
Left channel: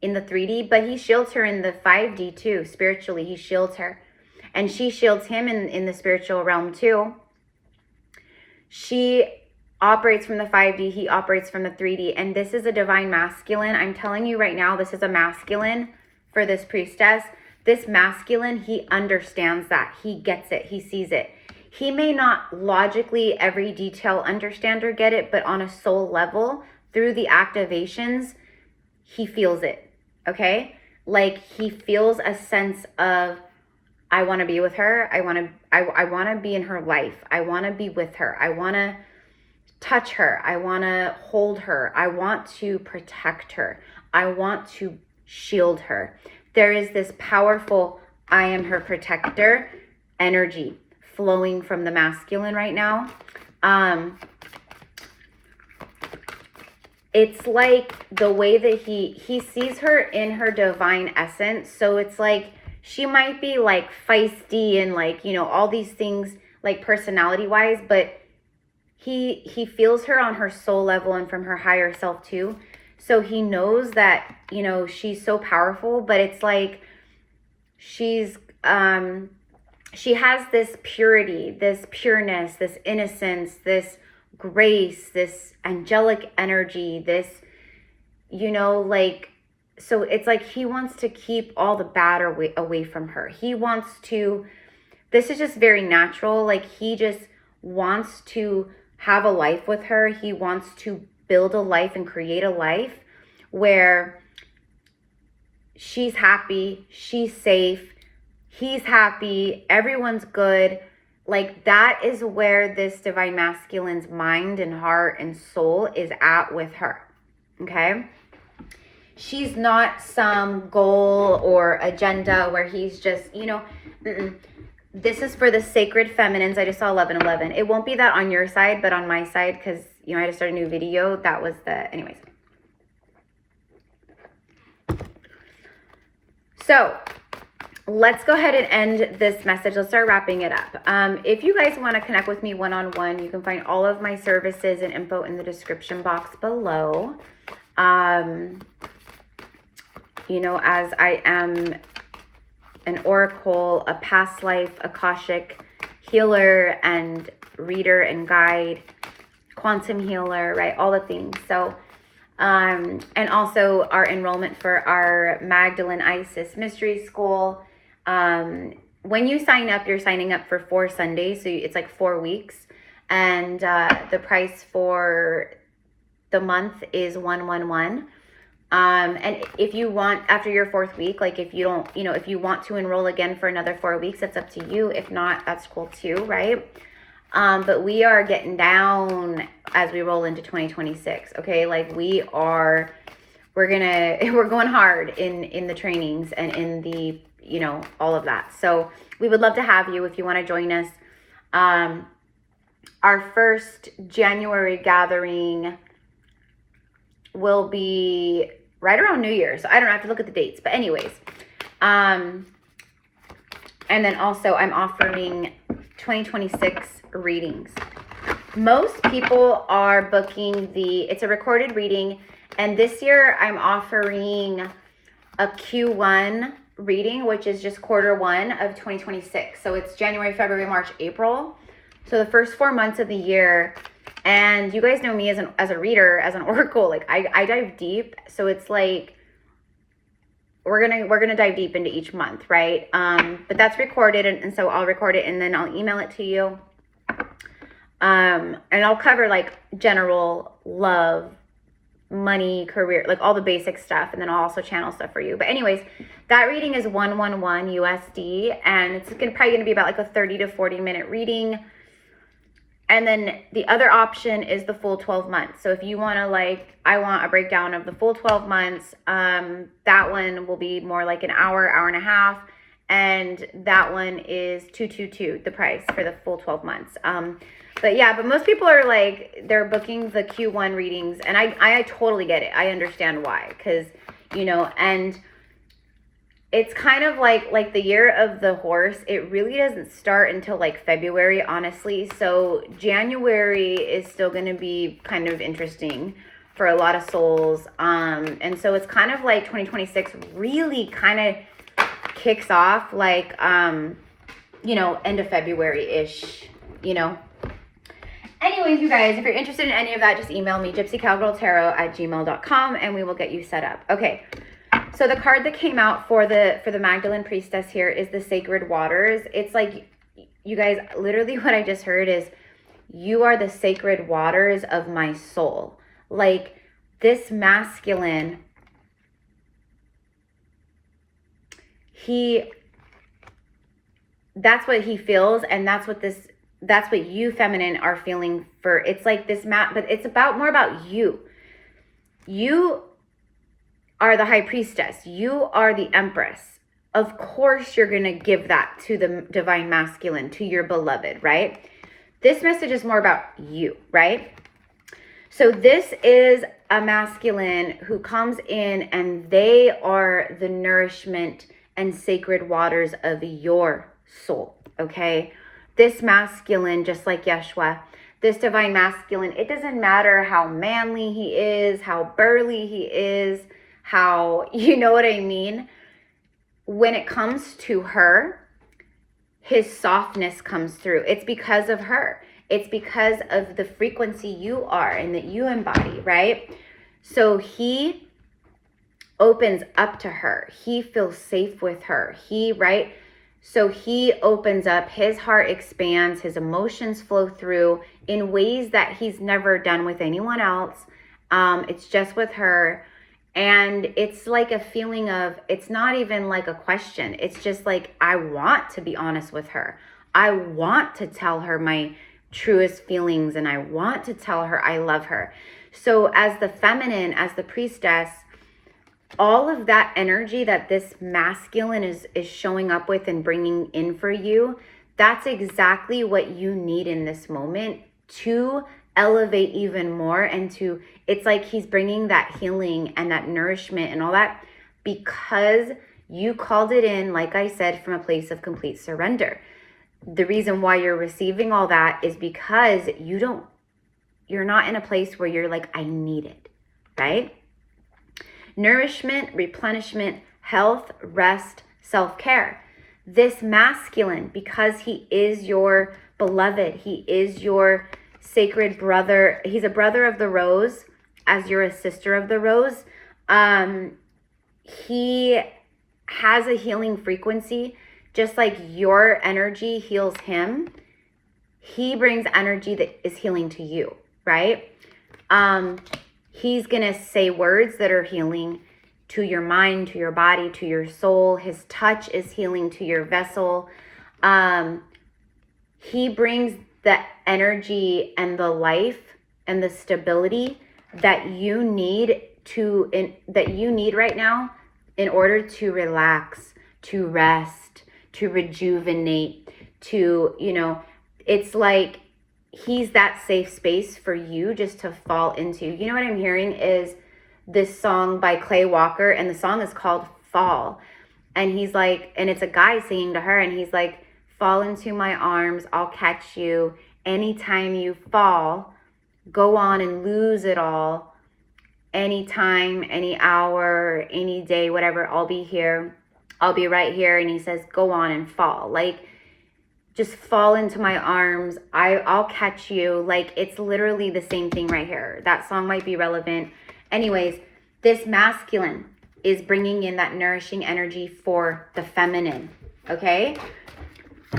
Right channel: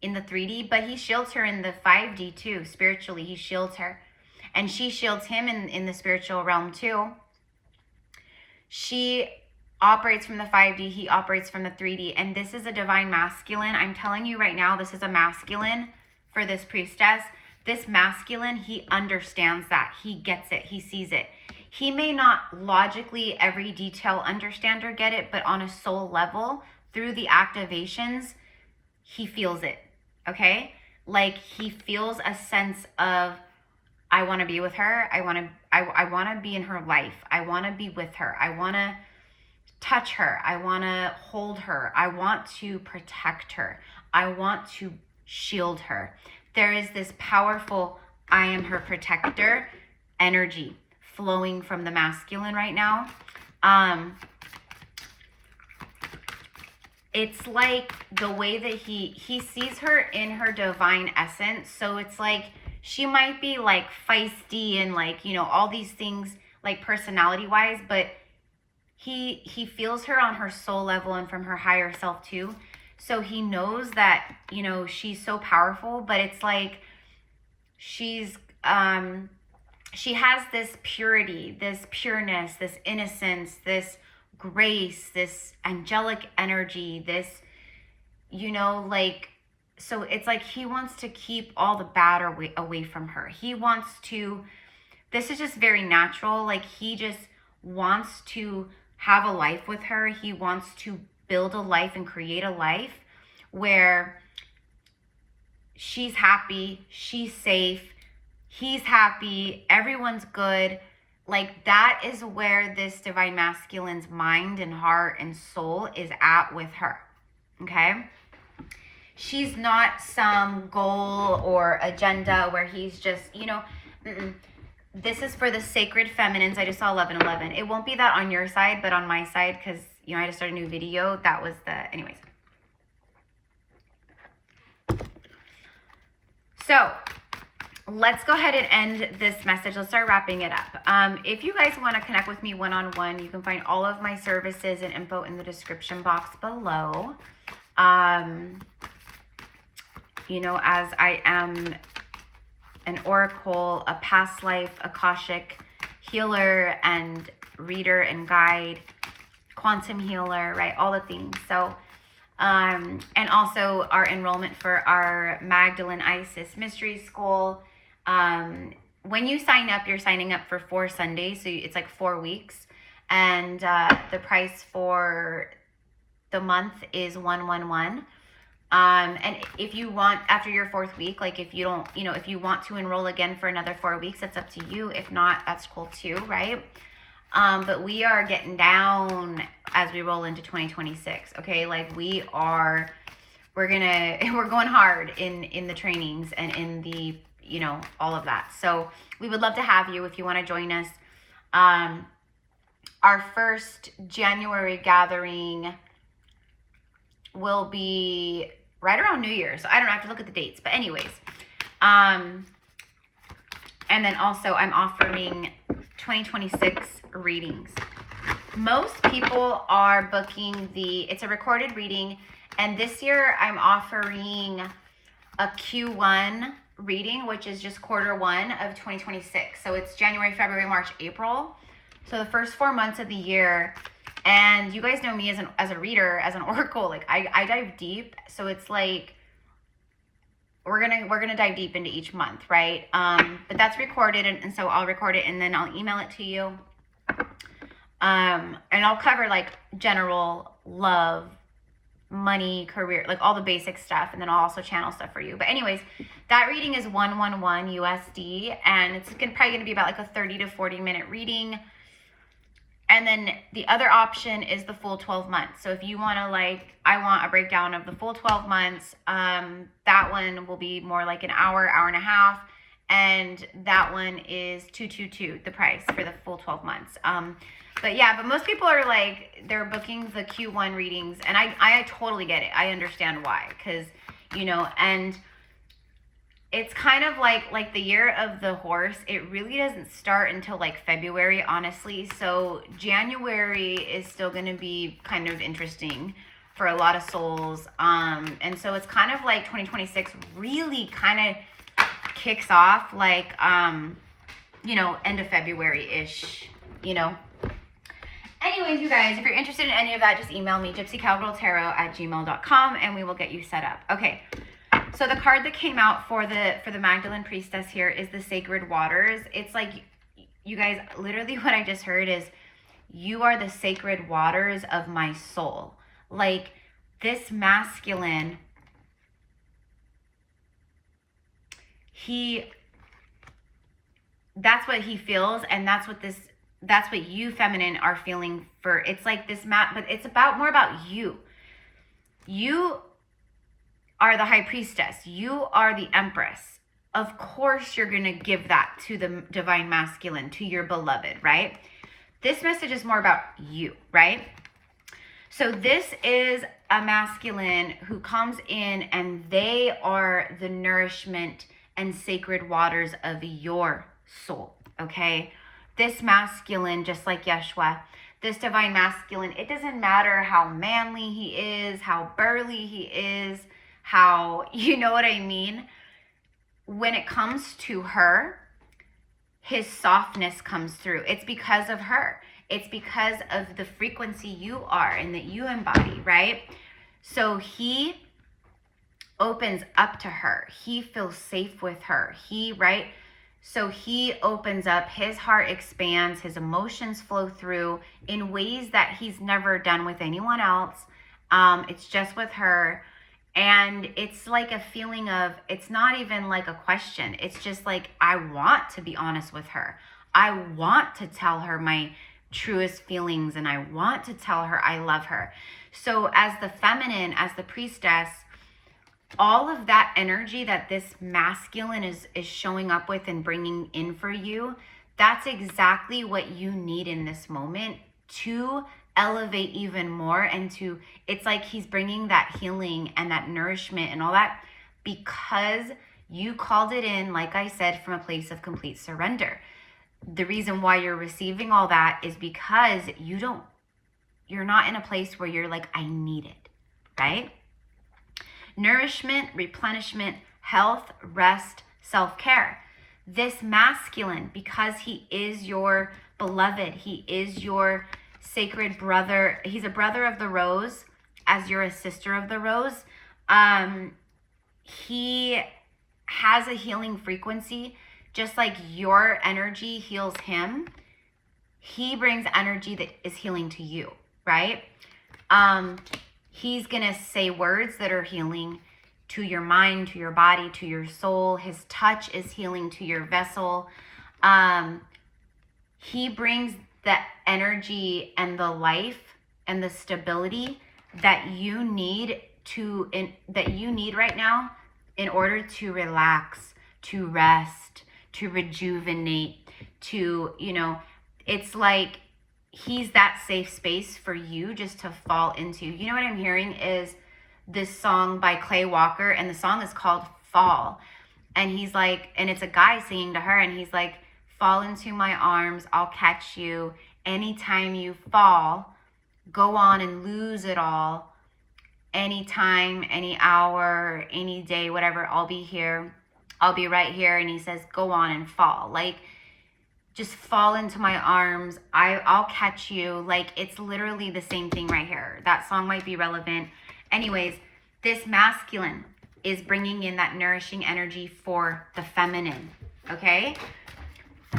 in the 3D, but he shields her in the 5D too. Spiritually, he shields her, and she shields him in the spiritual realm too. She operates from the 5D, he operates from the 3D, and this is a divine masculine. I'm telling you right now, this is a masculine for this priestess. This masculine, he understands that. He gets it. He sees it. He may not logically every detail understand or get it, but on a soul level, through the activations, he feels it. Okay? Like he feels a sense of, I want to be with her. I want to be in her life. I want to be with her. I want to touch her. I want to hold her. I want to protect her. I want to shield her. There is this powerful, I am her protector energy flowing from the masculine right now. It's like the way that he sees her in her divine essence. So it's like she might be like feisty and like, you know, all these things like personality wise, but he feels her on her soul level and from her higher self too. So he knows that, you know, she's so powerful, but it's like she has this purity, this pureness, this innocence, this grace, this angelic energy, this, you know, like, so it's like he wants to keep all the bad away from her. He wants to, this is just very natural. Like he just wants to have a life with her. He wants to build a life and create a life where she's happy, she's safe, he's happy, everyone's good. Like that is where this divine masculine's mind and heart and soul is at with her. Okay? She's not some goal or agenda where he's just, you know, This is for the sacred feminines. I just saw 1111. It won't be that on your side, but on my side, because, you know, I just started a new video. That was anyways. So let's go ahead and end this message. Let's start wrapping it up. If you guys want to connect with me one-on-one, you can find all of my services and info in the description box below. You know, as I am an oracle, a past life Akashic healer and reader and guide, quantum healer, right? All the things. So, and also our enrollment for our Magdalene Isis Mystery School. When you sign up, you're signing up for 4 Sundays. So it's like 4 weeks. And the price for the month is $111. And if you want, after your 4th week, like if you don't, you know, if you want to enroll again for another 4 weeks, it's up to you. If not, that's cool too, right? But we are getting down as we roll into 2026. Okay. Like we're going hard in the trainings and in the, you know, all of that. So we would love to have you if you want to join us. Our first January gathering will be right around New Year's. So I don't have to look at the dates. But anyways, and then also I'm offering 2026 readings. Most people are booking it's a recorded reading. And this year I'm offering a Q1 reading, which is just quarter one of 2026. So it's January, February, March, April. So the first 4 months of the year. And you guys know me as a reader, as an oracle, like I dive deep. So it's like, we're gonna dive deep into each month, right? But that's recorded, and so I'll record it and then I'll email it to you. And I'll cover like general love, money, career, like all the basic stuff, and then I'll also channel stuff for you. But anyways, that reading is 111 USD, and it's probably gonna be about like a 30 to 40 minute reading. And then the other option is the full 12 months. So if you want to like, I want a breakdown of the full 12 months, that one will be more like an hour, hour and a half. And that one is $222, the price for the full 12 months. But most people are like, they're booking the Q1 readings, and I totally get it. I understand why, because, and it's kind of like the year of the horse. It really doesn't start until like February, honestly. So January is still going to be kind of interesting for a lot of souls. And so it's kind of like 2026 really kind of kicks off like, end of February-ish, Anyways, you guys, if you're interested in any of that, just email me, gypsycowgirltarot@gmail.com, and we will get you set up. Okay. So the card that came out for the Magdalene Priestess here is the Sacred Waters. It's like, you guys, literally what I just heard is, you are the sacred waters of my soul. Like, this masculine, that's what he feels, and that's what you feminine are feeling for. It's like this but it's more about you. You are the High Priestess. You are the Empress. Of course, you're going to give that to the Divine Masculine, to your beloved, right? This message is more about you, right? So this is a masculine who comes in, and they are the nourishment and sacred waters of your soul, okay? This masculine, just like Yeshua, this Divine Masculine, it doesn't matter how manly he is, how burly he is, how, you know what I mean? When it comes to her, his softness comes through. It's because of her. It's because of the frequency you are and that you embody, right? So he opens up to her. He feels safe with her. Right? So he opens up, his heart expands, his emotions flow through in ways that he's never done with anyone else. It's just with her. And it's like a feeling of, it's not even like a question. It's just like, I want to be honest with her. I want to tell her my truest feelings, and I want to tell her I love her. So as the feminine, as the priestess, all of that energy that this masculine is showing up with and bringing in for you, that's exactly what you need in this moment to elevate even more. And it's like he's bringing that healing and that nourishment and all that, because you called it in, like I said, from a place of complete surrender. The reason why you're receiving all that is because you're not in a place where you're like, I need it, right? Nourishment, replenishment, health, rest, self-care. This masculine, because he is your beloved, he is your sacred brother. He's a brother of the rose, as you're a sister of the rose. He has a healing frequency, just like your energy heals him. He brings energy that is healing to you, right? He's gonna say words that are healing to your mind, to your body, to your soul. His touch is healing to your vessel. He brings the energy and the life and the stability that you need right now in order to relax, to rest, to rejuvenate, it's like he's that safe space for you just to fall into. You know what I'm hearing is this song by Clay Walker, and the song is called Fall. And he's like, and it's a guy singing to her, and he's like, fall into my arms, I'll catch you. Anytime you fall, go on and lose it all. Anytime, any hour, any day, whatever, I'll be here. I'll be right here. And he says, go on and fall. Like, just fall into my arms. I'll catch you. Like, it's literally the same thing right here. That song might be relevant. Anyways, this masculine is bringing in that nourishing energy for the feminine, okay?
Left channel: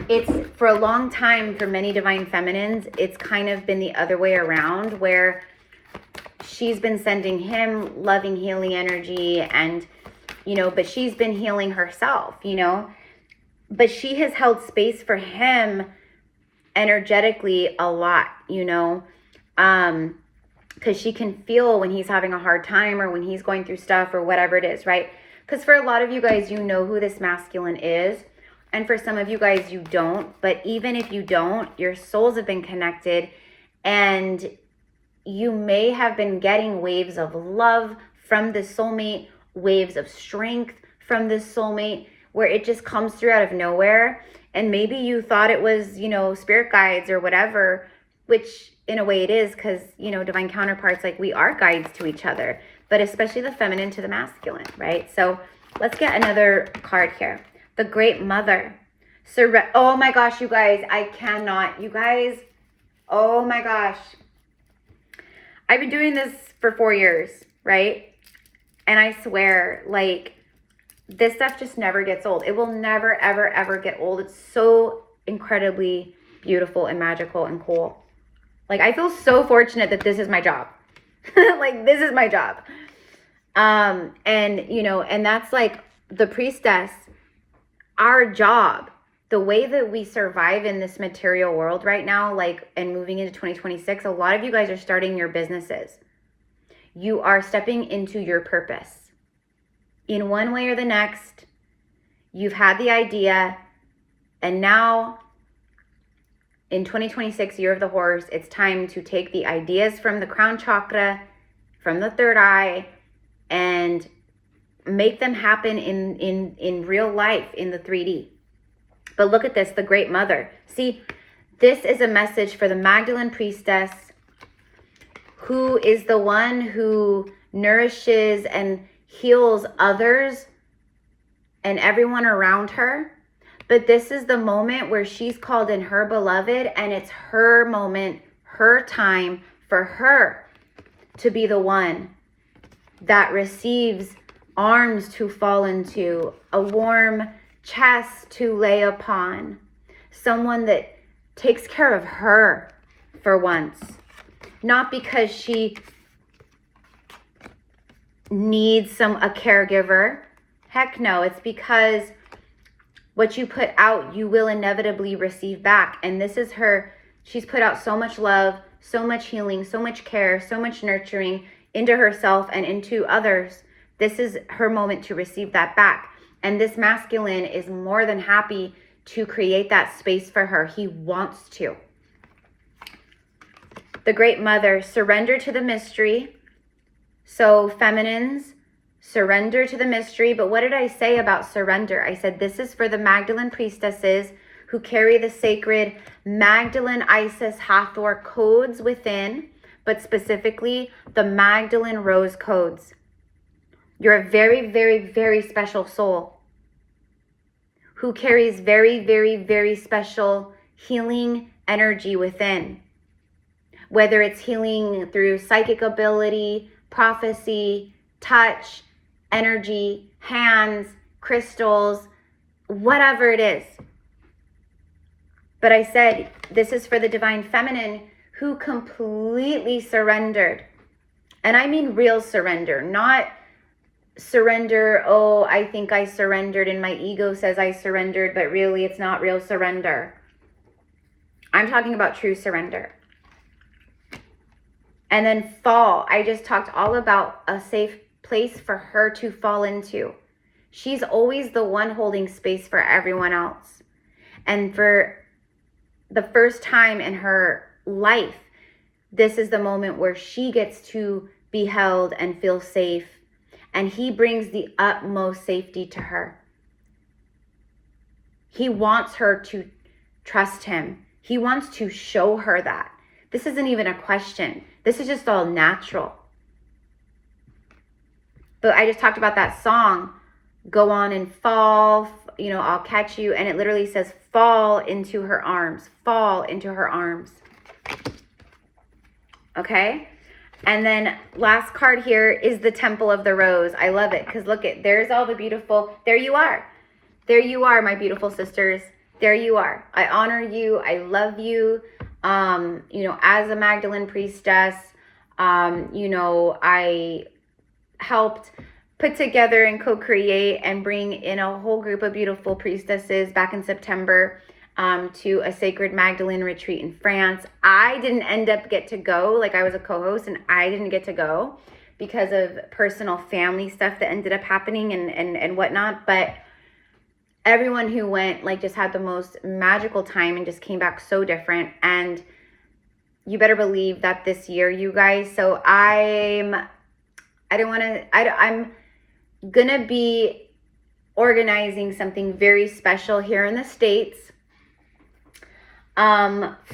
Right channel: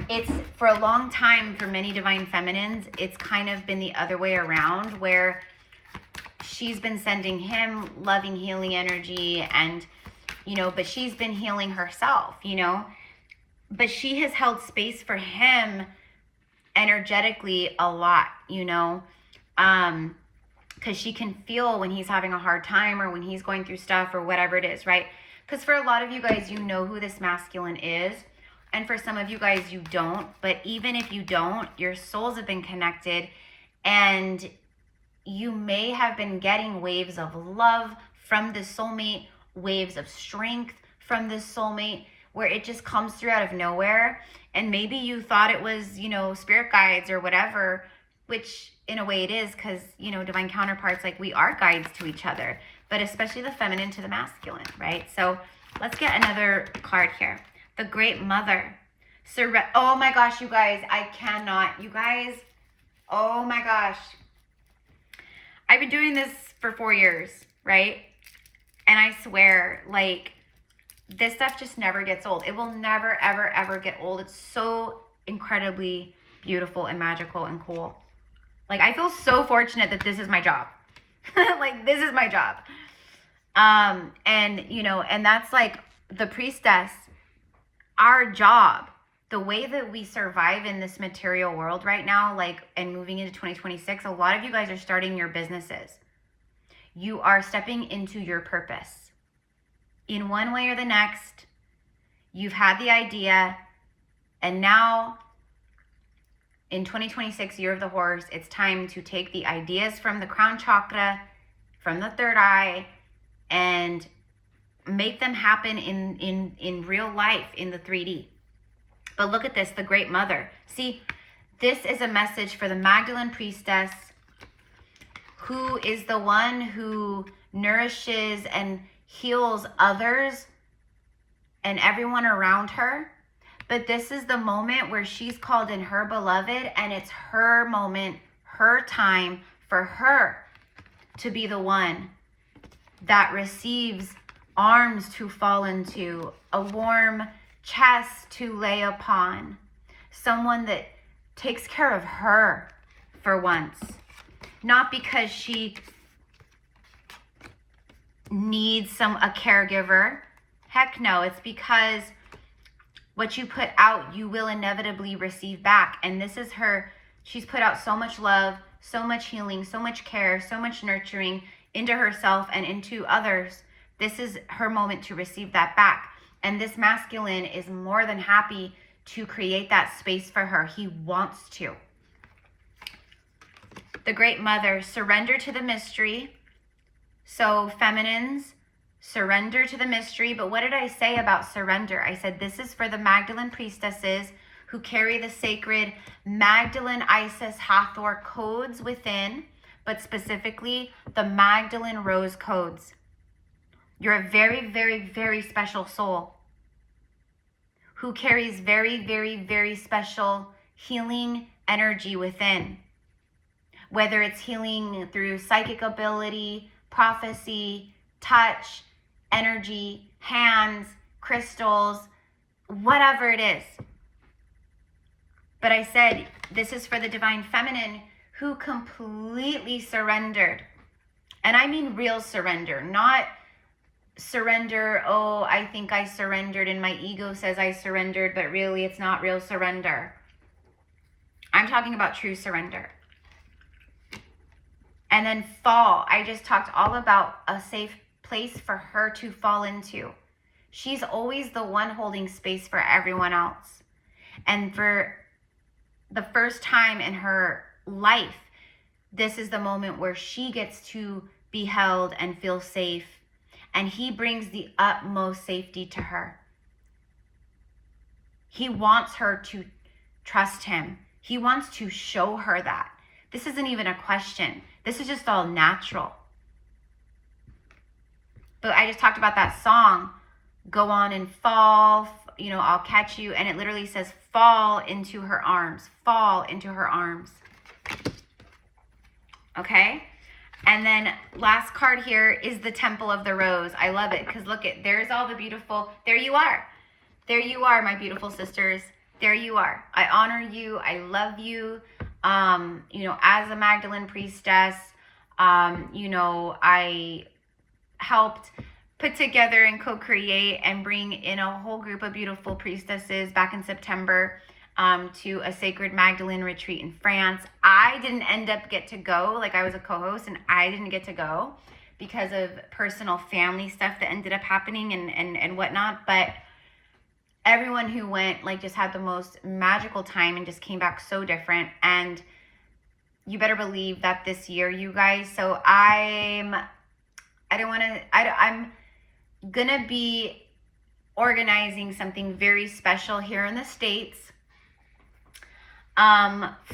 It's, for a long time, for many divine feminines, it's kind of been the other way around, where she's been sending him loving, healing energy, and, you know, but she's been healing herself, you know? But she has held space for him energetically a lot, you know, because she can feel when he's having a hard time or when he's going through stuff or whatever it is, right? Because for a lot of you guys, you know who this masculine is. And for some of you guys, you don't. But even if you don't, your souls have been connected, and you may have been getting waves of love from the soulmate, waves of strength from the soulmate, where it just comes through out of nowhere. And maybe you thought it was, you know, spirit guides or whatever, which in a way it is, because, you know, divine counterparts, like, we are guides to each other, but especially the feminine to the masculine, right? So let's get another card here. The Great Mother. Oh my gosh, you guys, I cannot. You guys, oh my gosh. I've been doing this for 4 years, right? And I swear, like, this stuff just never gets old. It will never, ever, ever get old. It's so incredibly beautiful and magical and cool. Like, I feel so fortunate that this is my job. Like, this is my job. And, you know, and that's like the Priestess, our job, the way that we survive in this material world right now, like, and moving into 2026, a lot of you guys are starting your businesses. You are stepping into your purpose. In one way or the next, you've had the idea, and now in 2026, year of the horse, it's time to take the ideas from the crown chakra, from the third eye, and make them happen in real life, in the 3D. But look at this, the Great Mother. See, this is a message for the Magdalene Priestess, who is the one who nourishes and heals others and everyone around her. But this is the moment where she's called in her beloved, and it's her moment, her time, for her to be the one that receives arms to fall into, a warm chest to lay upon, someone that takes care of her for once. Not because she needs a caregiver. Heck no, it's because what you put out, you will inevitably receive back. And this is her. She's put out so much love, so much healing, so much care, so much nurturing into herself and into others. This is her moment to receive that back. And this masculine is more than happy to create that space for her. He wants to. The Great Mother, surrender to the mystery. So feminines, surrender to the mystery. But what did I say about surrender? I said this is for the Magdalene Priestesses who carry the sacred Magdalene, Isis, Hathor codes within, but specifically the Magdalene Rose codes. You're a very, very, very special soul who carries very, very, very special healing energy within. Whether it's healing through psychic ability, prophecy, touch, energy, hands, crystals, whatever it is. But I said, this is for the divine feminine who completely surrendered. And I mean real surrender, not surrender, oh, I think I surrendered and my ego says I surrendered, but really it's not real surrender. I'm talking about true surrender. And then fall. I just talked all about a safe place for her to fall into. She's always the one holding space for everyone else. And for the first time in her life, this is the moment where she gets to be held and feel safe. And he brings the utmost safety to her. He wants her to trust him. He wants to show her that. This isn't even a question. This is just all natural. But I just talked about that song, Go On and Fall, you know, I'll catch you. And it literally says, fall into her arms, fall into her arms. Okay. And then last card here is the Temple of the Rose. I love it because look at, there's all the beautiful, there you are. There you are, my beautiful sisters. There you are. I honor you. I love you. You know, as a Magdalene priestess, you know, I helped put together and co-create and bring in a whole group of beautiful priestesses back in September to a sacred Magdalene retreat in France. I didn't end up get to go, like I was a co-host and I didn't get to go because of personal family stuff that ended up happening and whatnot. But everyone who went like just had the most magical time and just came back so different. And you better believe that this year, you guys, so I'm gonna be organizing something very special here in the States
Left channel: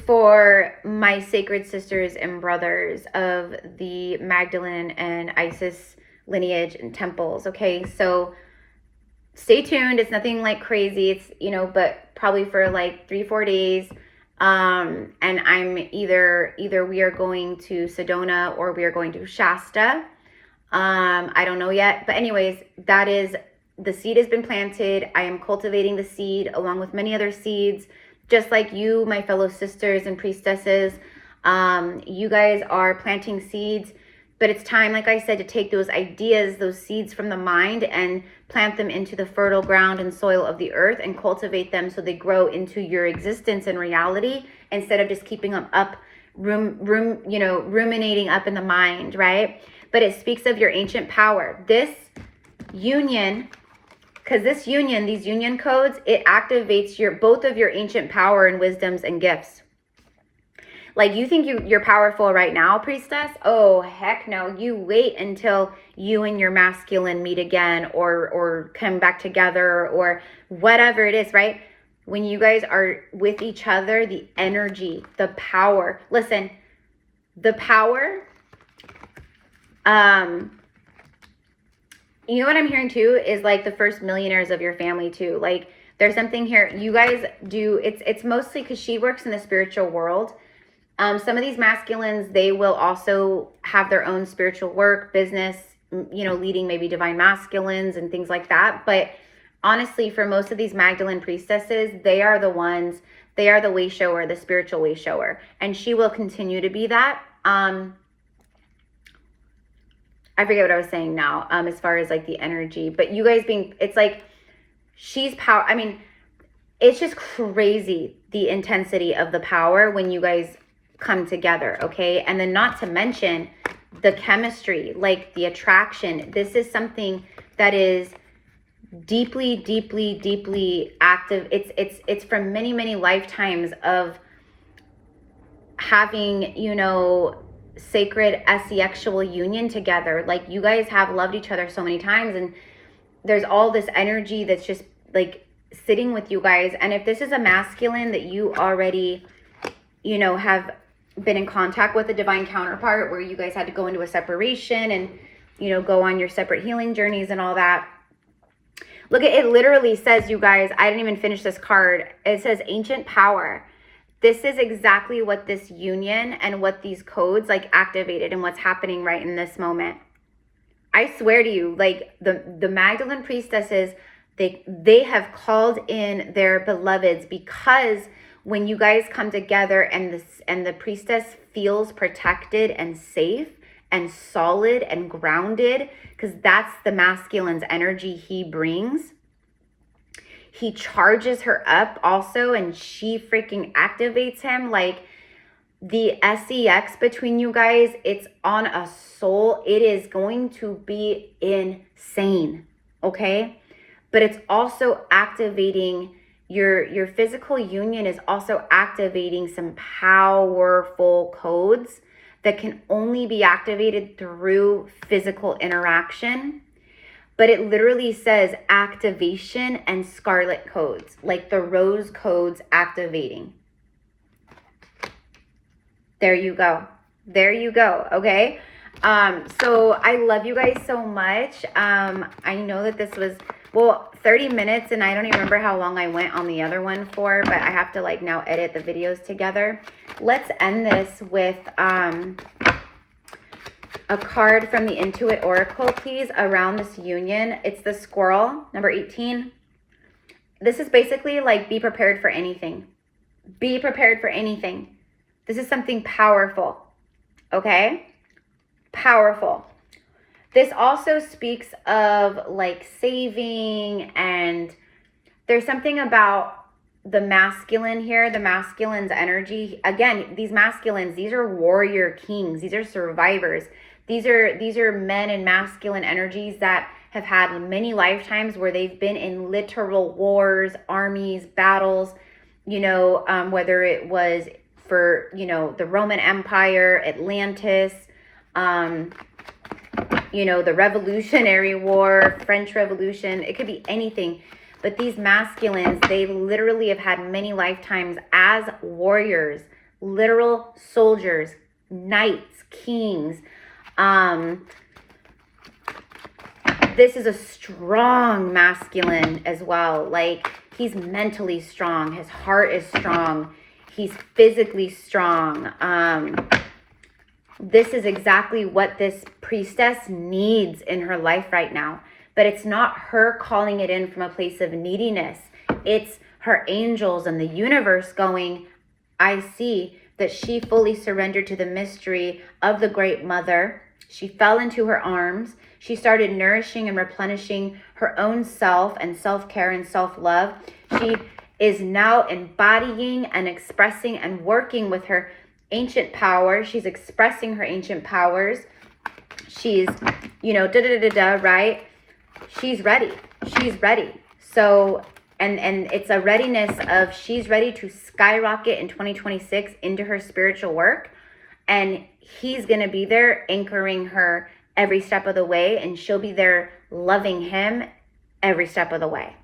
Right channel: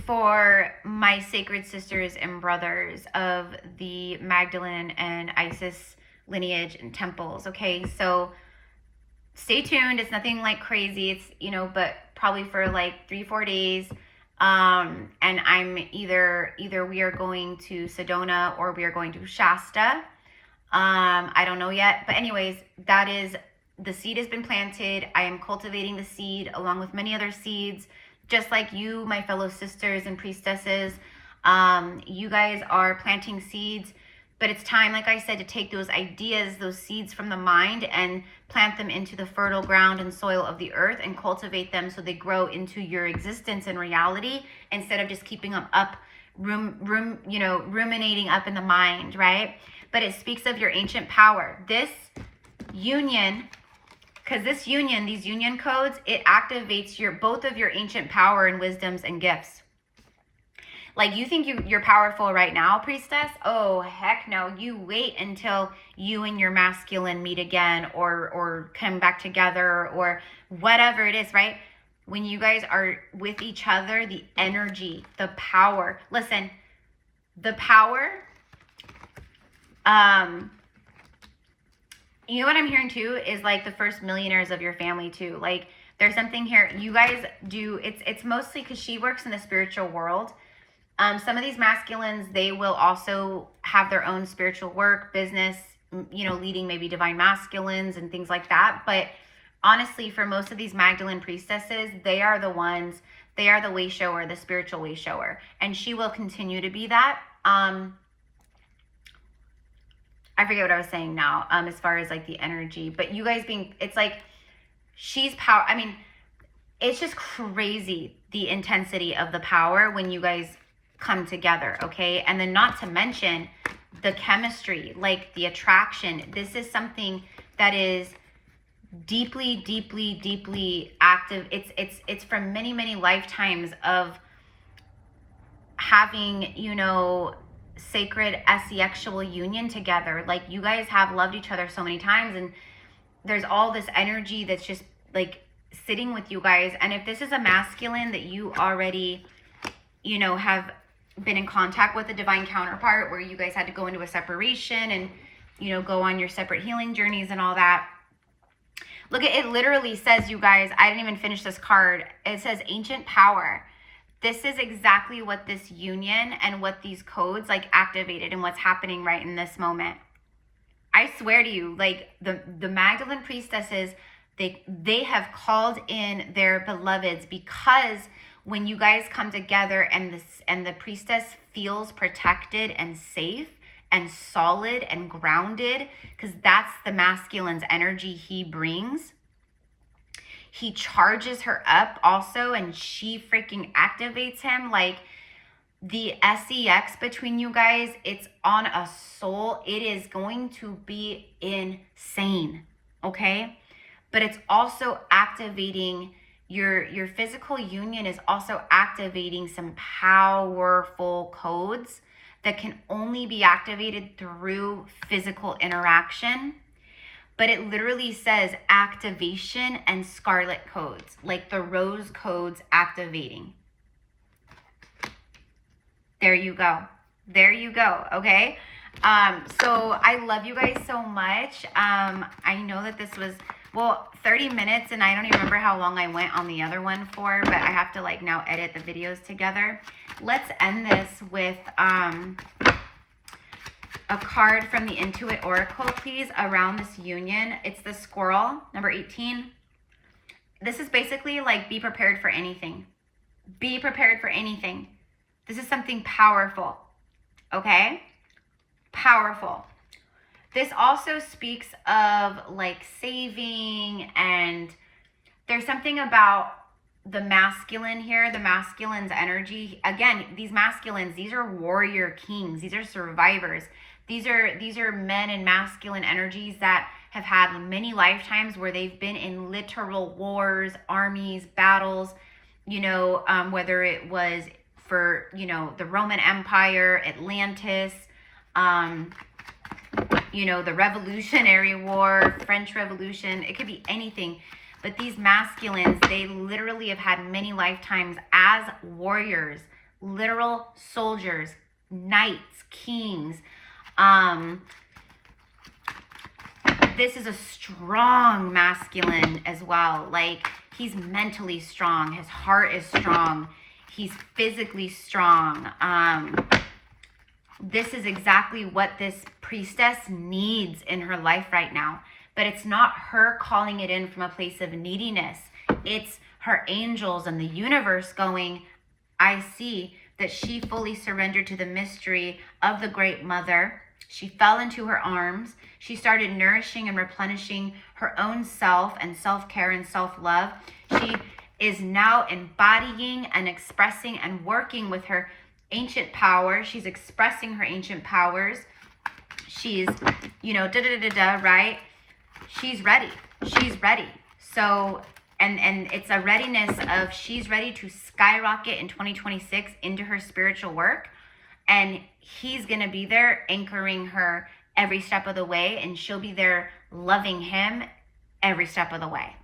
for my sacred sisters and brothers of the Magdalene and Isis lineage and temples. Okay, so stay tuned. It's nothing like crazy. It's, you know, but probably for like 3-4 days. And I'm either we are going to Sedona or we are going to Shasta. I don't know yet, but anyways, that is, the seed has been planted. I am cultivating the seed along with many other seeds, just like you, my fellow sisters and priestesses. You guys are planting seeds, but it's time, like I said, to take those ideas, those seeds from the mind and plant them into the fertile ground and soil of the earth and cultivate them so they grow into your existence and reality instead of just keeping them up, ruminating up in the mind, right? But it speaks of your ancient power. This union, because this union, these union codes, it activates both of your ancient power and wisdoms and gifts. Like you think you're powerful right now, priestess? Oh, heck no. You wait until you and your masculine meet again or come back together or whatever it is, right? When you guys are with each other, the energy, the power. Listen, the power, you know what I'm hearing too is like the first millionaires of your family too. Like there's something here you guys do. It's mostly because she works in the spiritual world. Some of these masculines, they will also have their own spiritual work, business, you know, leading maybe divine masculines and things like that. But honestly, for most of these Magdalene priestesses, they are the way shower, the spiritual way shower. And she will continue to be that. I forget what I was saying now, as far as like the energy, but you guys it's like, she's power. I mean, it's just crazy, the intensity of the power when you guys come together. Okay. And then not to mention the chemistry, like the attraction. This is something that is deeply, deeply, deeply active. It's from many, many lifetimes of having, you know, sacred sexual union together. Like you guys have loved each other so many times and there's all this energy that's just like sitting with you guys. And if this is a masculine that you already, you know, have been in contact with a divine counterpart where you guys had to go into a separation and, you know, go on your separate healing journeys and all that. Look at it, literally says, you guys, I didn't even finish this card. It says ancient power. This is exactly what this union and what these codes like activated and what's happening right in this moment. I swear to you, like the Magdalene priestesses, they have called in their beloveds because when you guys come together and the priestess feels protected and safe and solid and grounded, because that's the masculine's energy he brings. He charges her up also, and she freaking activates him. Like the sex between you guys, it's on a soul. It is going to be insane, okay? But it's also activating your physical union is also activating some powerful codes that can only be activated through physical interaction. But it literally says activation and scarlet codes, like the rose codes activating. There you go. There you go. Okay. So I love you guys so much. I know that this was, well, 30 minutes, and I don't even remember how long I went on the other one for, but I have to like now edit the videos together. Let's end this with a card from the Intuit Oracle, please, around this union. It's the squirrel, number 18. This is basically like, be prepared for anything. Be prepared for anything. This is something powerful, okay? Powerful. This also speaks of like saving, and there's something about the masculine here, the masculine's energy. Again, these masculines, these are warrior kings. These are survivors. These are men in masculine energies that have had many lifetimes where they've been in literal wars, armies, battles, you know, whether it was for, you know, the Roman Empire, Atlantis, you know, the Revolutionary War, French Revolution. It could be anything. But these masculines, they literally have had many lifetimes as warriors, literal soldiers, knights, kings. This is a strong masculine as well. Like, he's mentally strong. His heart is strong. He's physically strong. This is exactly what this priestess needs in her life right now. But it's not her calling it in from a place of neediness. It's her angels and the universe going, I see that she fully surrendered to the mystery of the Great Mother. She fell into her arms. She started nourishing and replenishing her own self and self-care and self-love. She is now embodying and expressing and working with her ancient power. She's expressing her ancient powers. She's, you know, right? She's ready. She's ready. So, and it's a readiness of, she's ready to skyrocket in 2026 into her spiritual work. And he's going to be there anchoring her every step of the way. And she'll be there loving him every step of the way.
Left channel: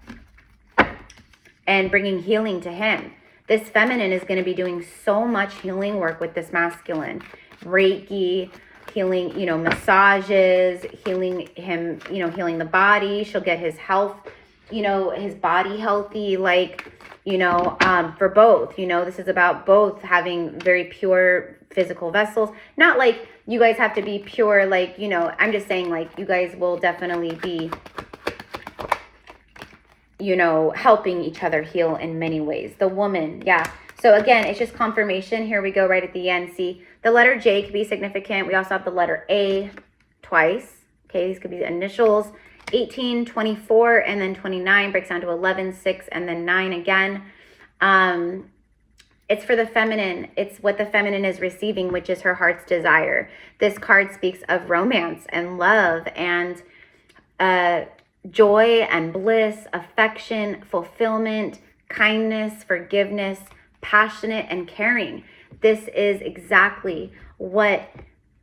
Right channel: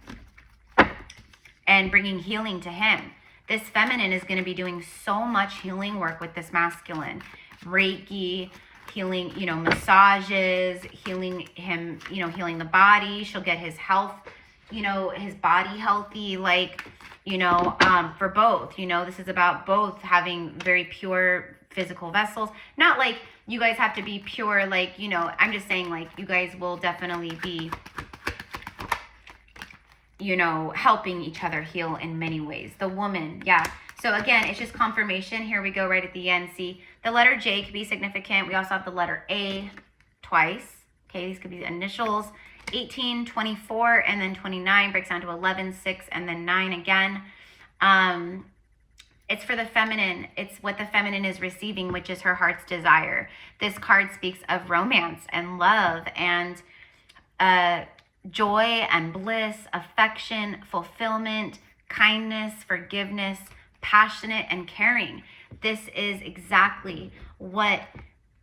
And bringing healing to him. This feminine is going to be doing so much healing work with this masculine. Reiki, healing, you know, massages, healing him, you know, healing the body. She'll get his health, you know, his body healthy, like, you know, for both, you know, this is about both having very pure physical vessels. Not like you guys have to be pure, like, you know, I'm just saying, like, you guys will definitely be, you know, helping each other heal in many ways. The woman, yeah. So again, it's just confirmation. Here we go right at the end. See, the letter J could be significant. We also have the letter A twice. Okay, these could be the initials. 18, 24, and then 29 breaks down to 11, 6, and then 9 again. It's for the feminine. It's what the feminine is receiving, which is her heart's desire. This card speaks of romance and love and joy and bliss, affection, fulfillment, kindness, forgiveness, passionate and caring. This is exactly what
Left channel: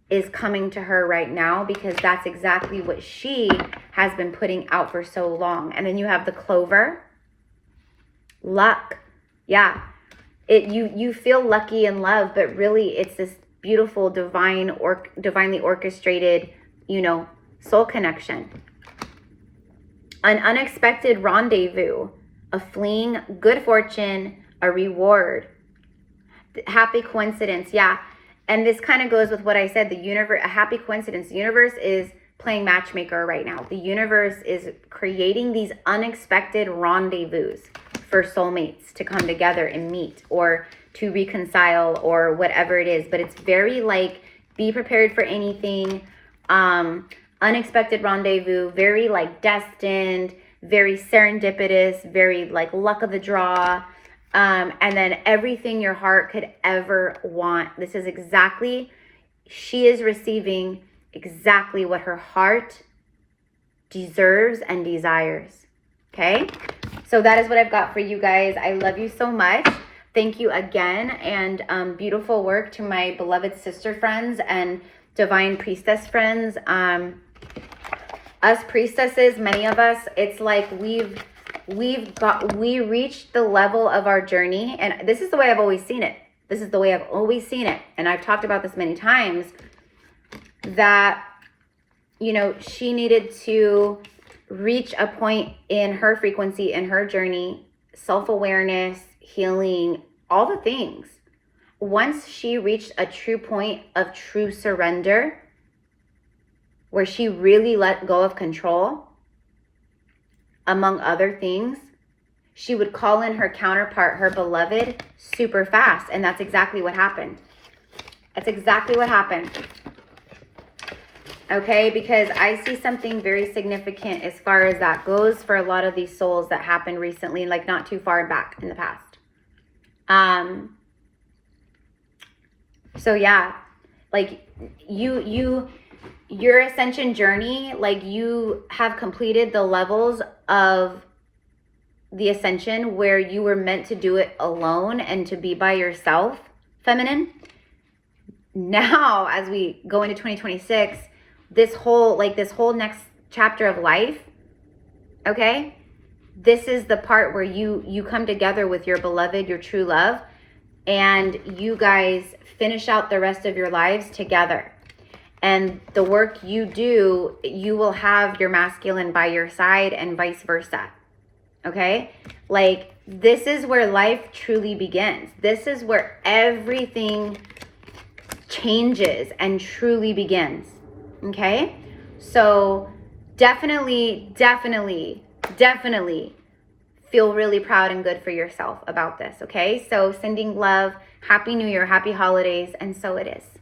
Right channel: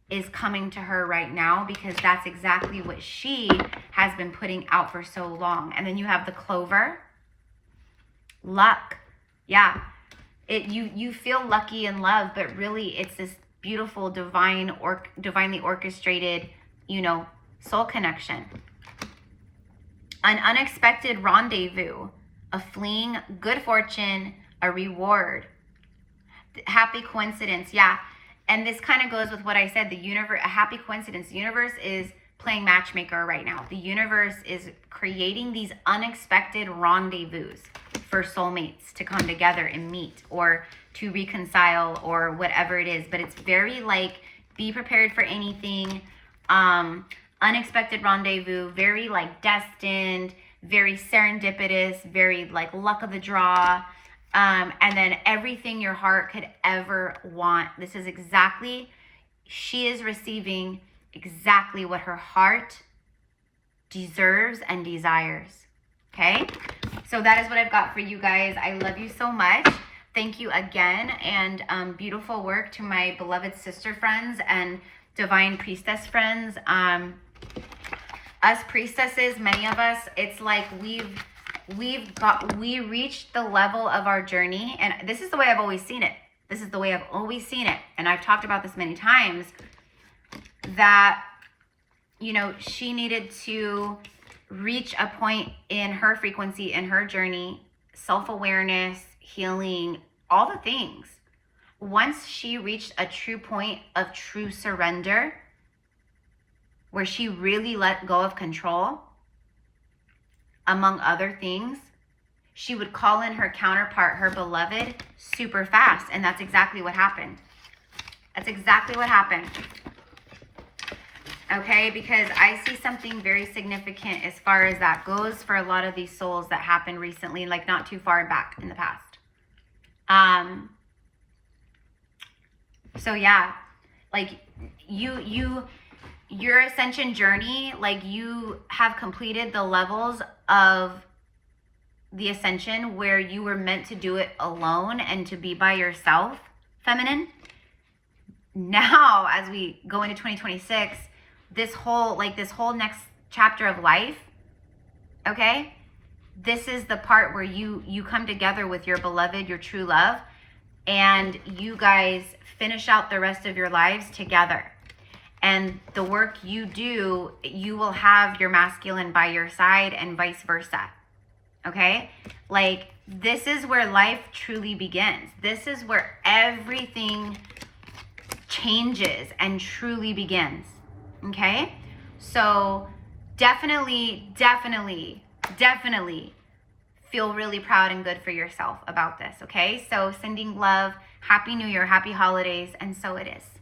is coming to her right now, because that's exactly what she has been putting out for so long. And then you have the clover, luck. Yeah, you feel lucky in love, but really it's this beautiful divinely orchestrated, you know, soul connection. An unexpected rendezvous, a fleeing good fortune, a reward, happy coincidence. Yeah. And this kind of goes with what I said, the universe, a happy coincidence. The universe is playing matchmaker right now. The universe is creating these unexpected rendezvous for soulmates to come together and meet or to reconcile or whatever it is. But it's very like, be prepared for anything. Unexpected rendezvous, very like destined, very serendipitous, very like luck of the draw. And then everything your heart could ever want. This is exactly, she is receiving exactly what her heart deserves and desires. Okay. So that is what I've got for you guys. I love you so much. Thank you again, and beautiful work to my beloved sister friends and divine priestess friends. Us priestesses, many of us, it's like we reached the level of our journey, and this is the way I've always seen it. This is the way I've always seen it, and I've talked about this many times, that, you know, she needed to reach a point in her frequency, in her journey, self-awareness, healing, all the things. Once she reached a true point of true surrender, where she really let go of control, among other things, she would call in her counterpart, her beloved, super fast. And that's exactly what happened. That's exactly what happened. Okay, because I see something very significant as far as that goes for a lot of these souls that happened recently, like not too far back in the past. So yeah, like your ascension journey, like you have completed the levels of the ascension where you were meant to do it alone and to be by yourself, feminine. Now, as we go into 2026, this whole next chapter of life, okay, this is the part where you come together with your beloved, your true love, and you guys finish out the rest of your lives together. And the work you do, you will have your masculine by your side and vice versa. Okay? Like, this is where life truly begins. This is where everything changes and truly begins. Okay? So definitely feel really proud and good for yourself about this. Okay? So sending love, happy new year, happy holidays, and so it is.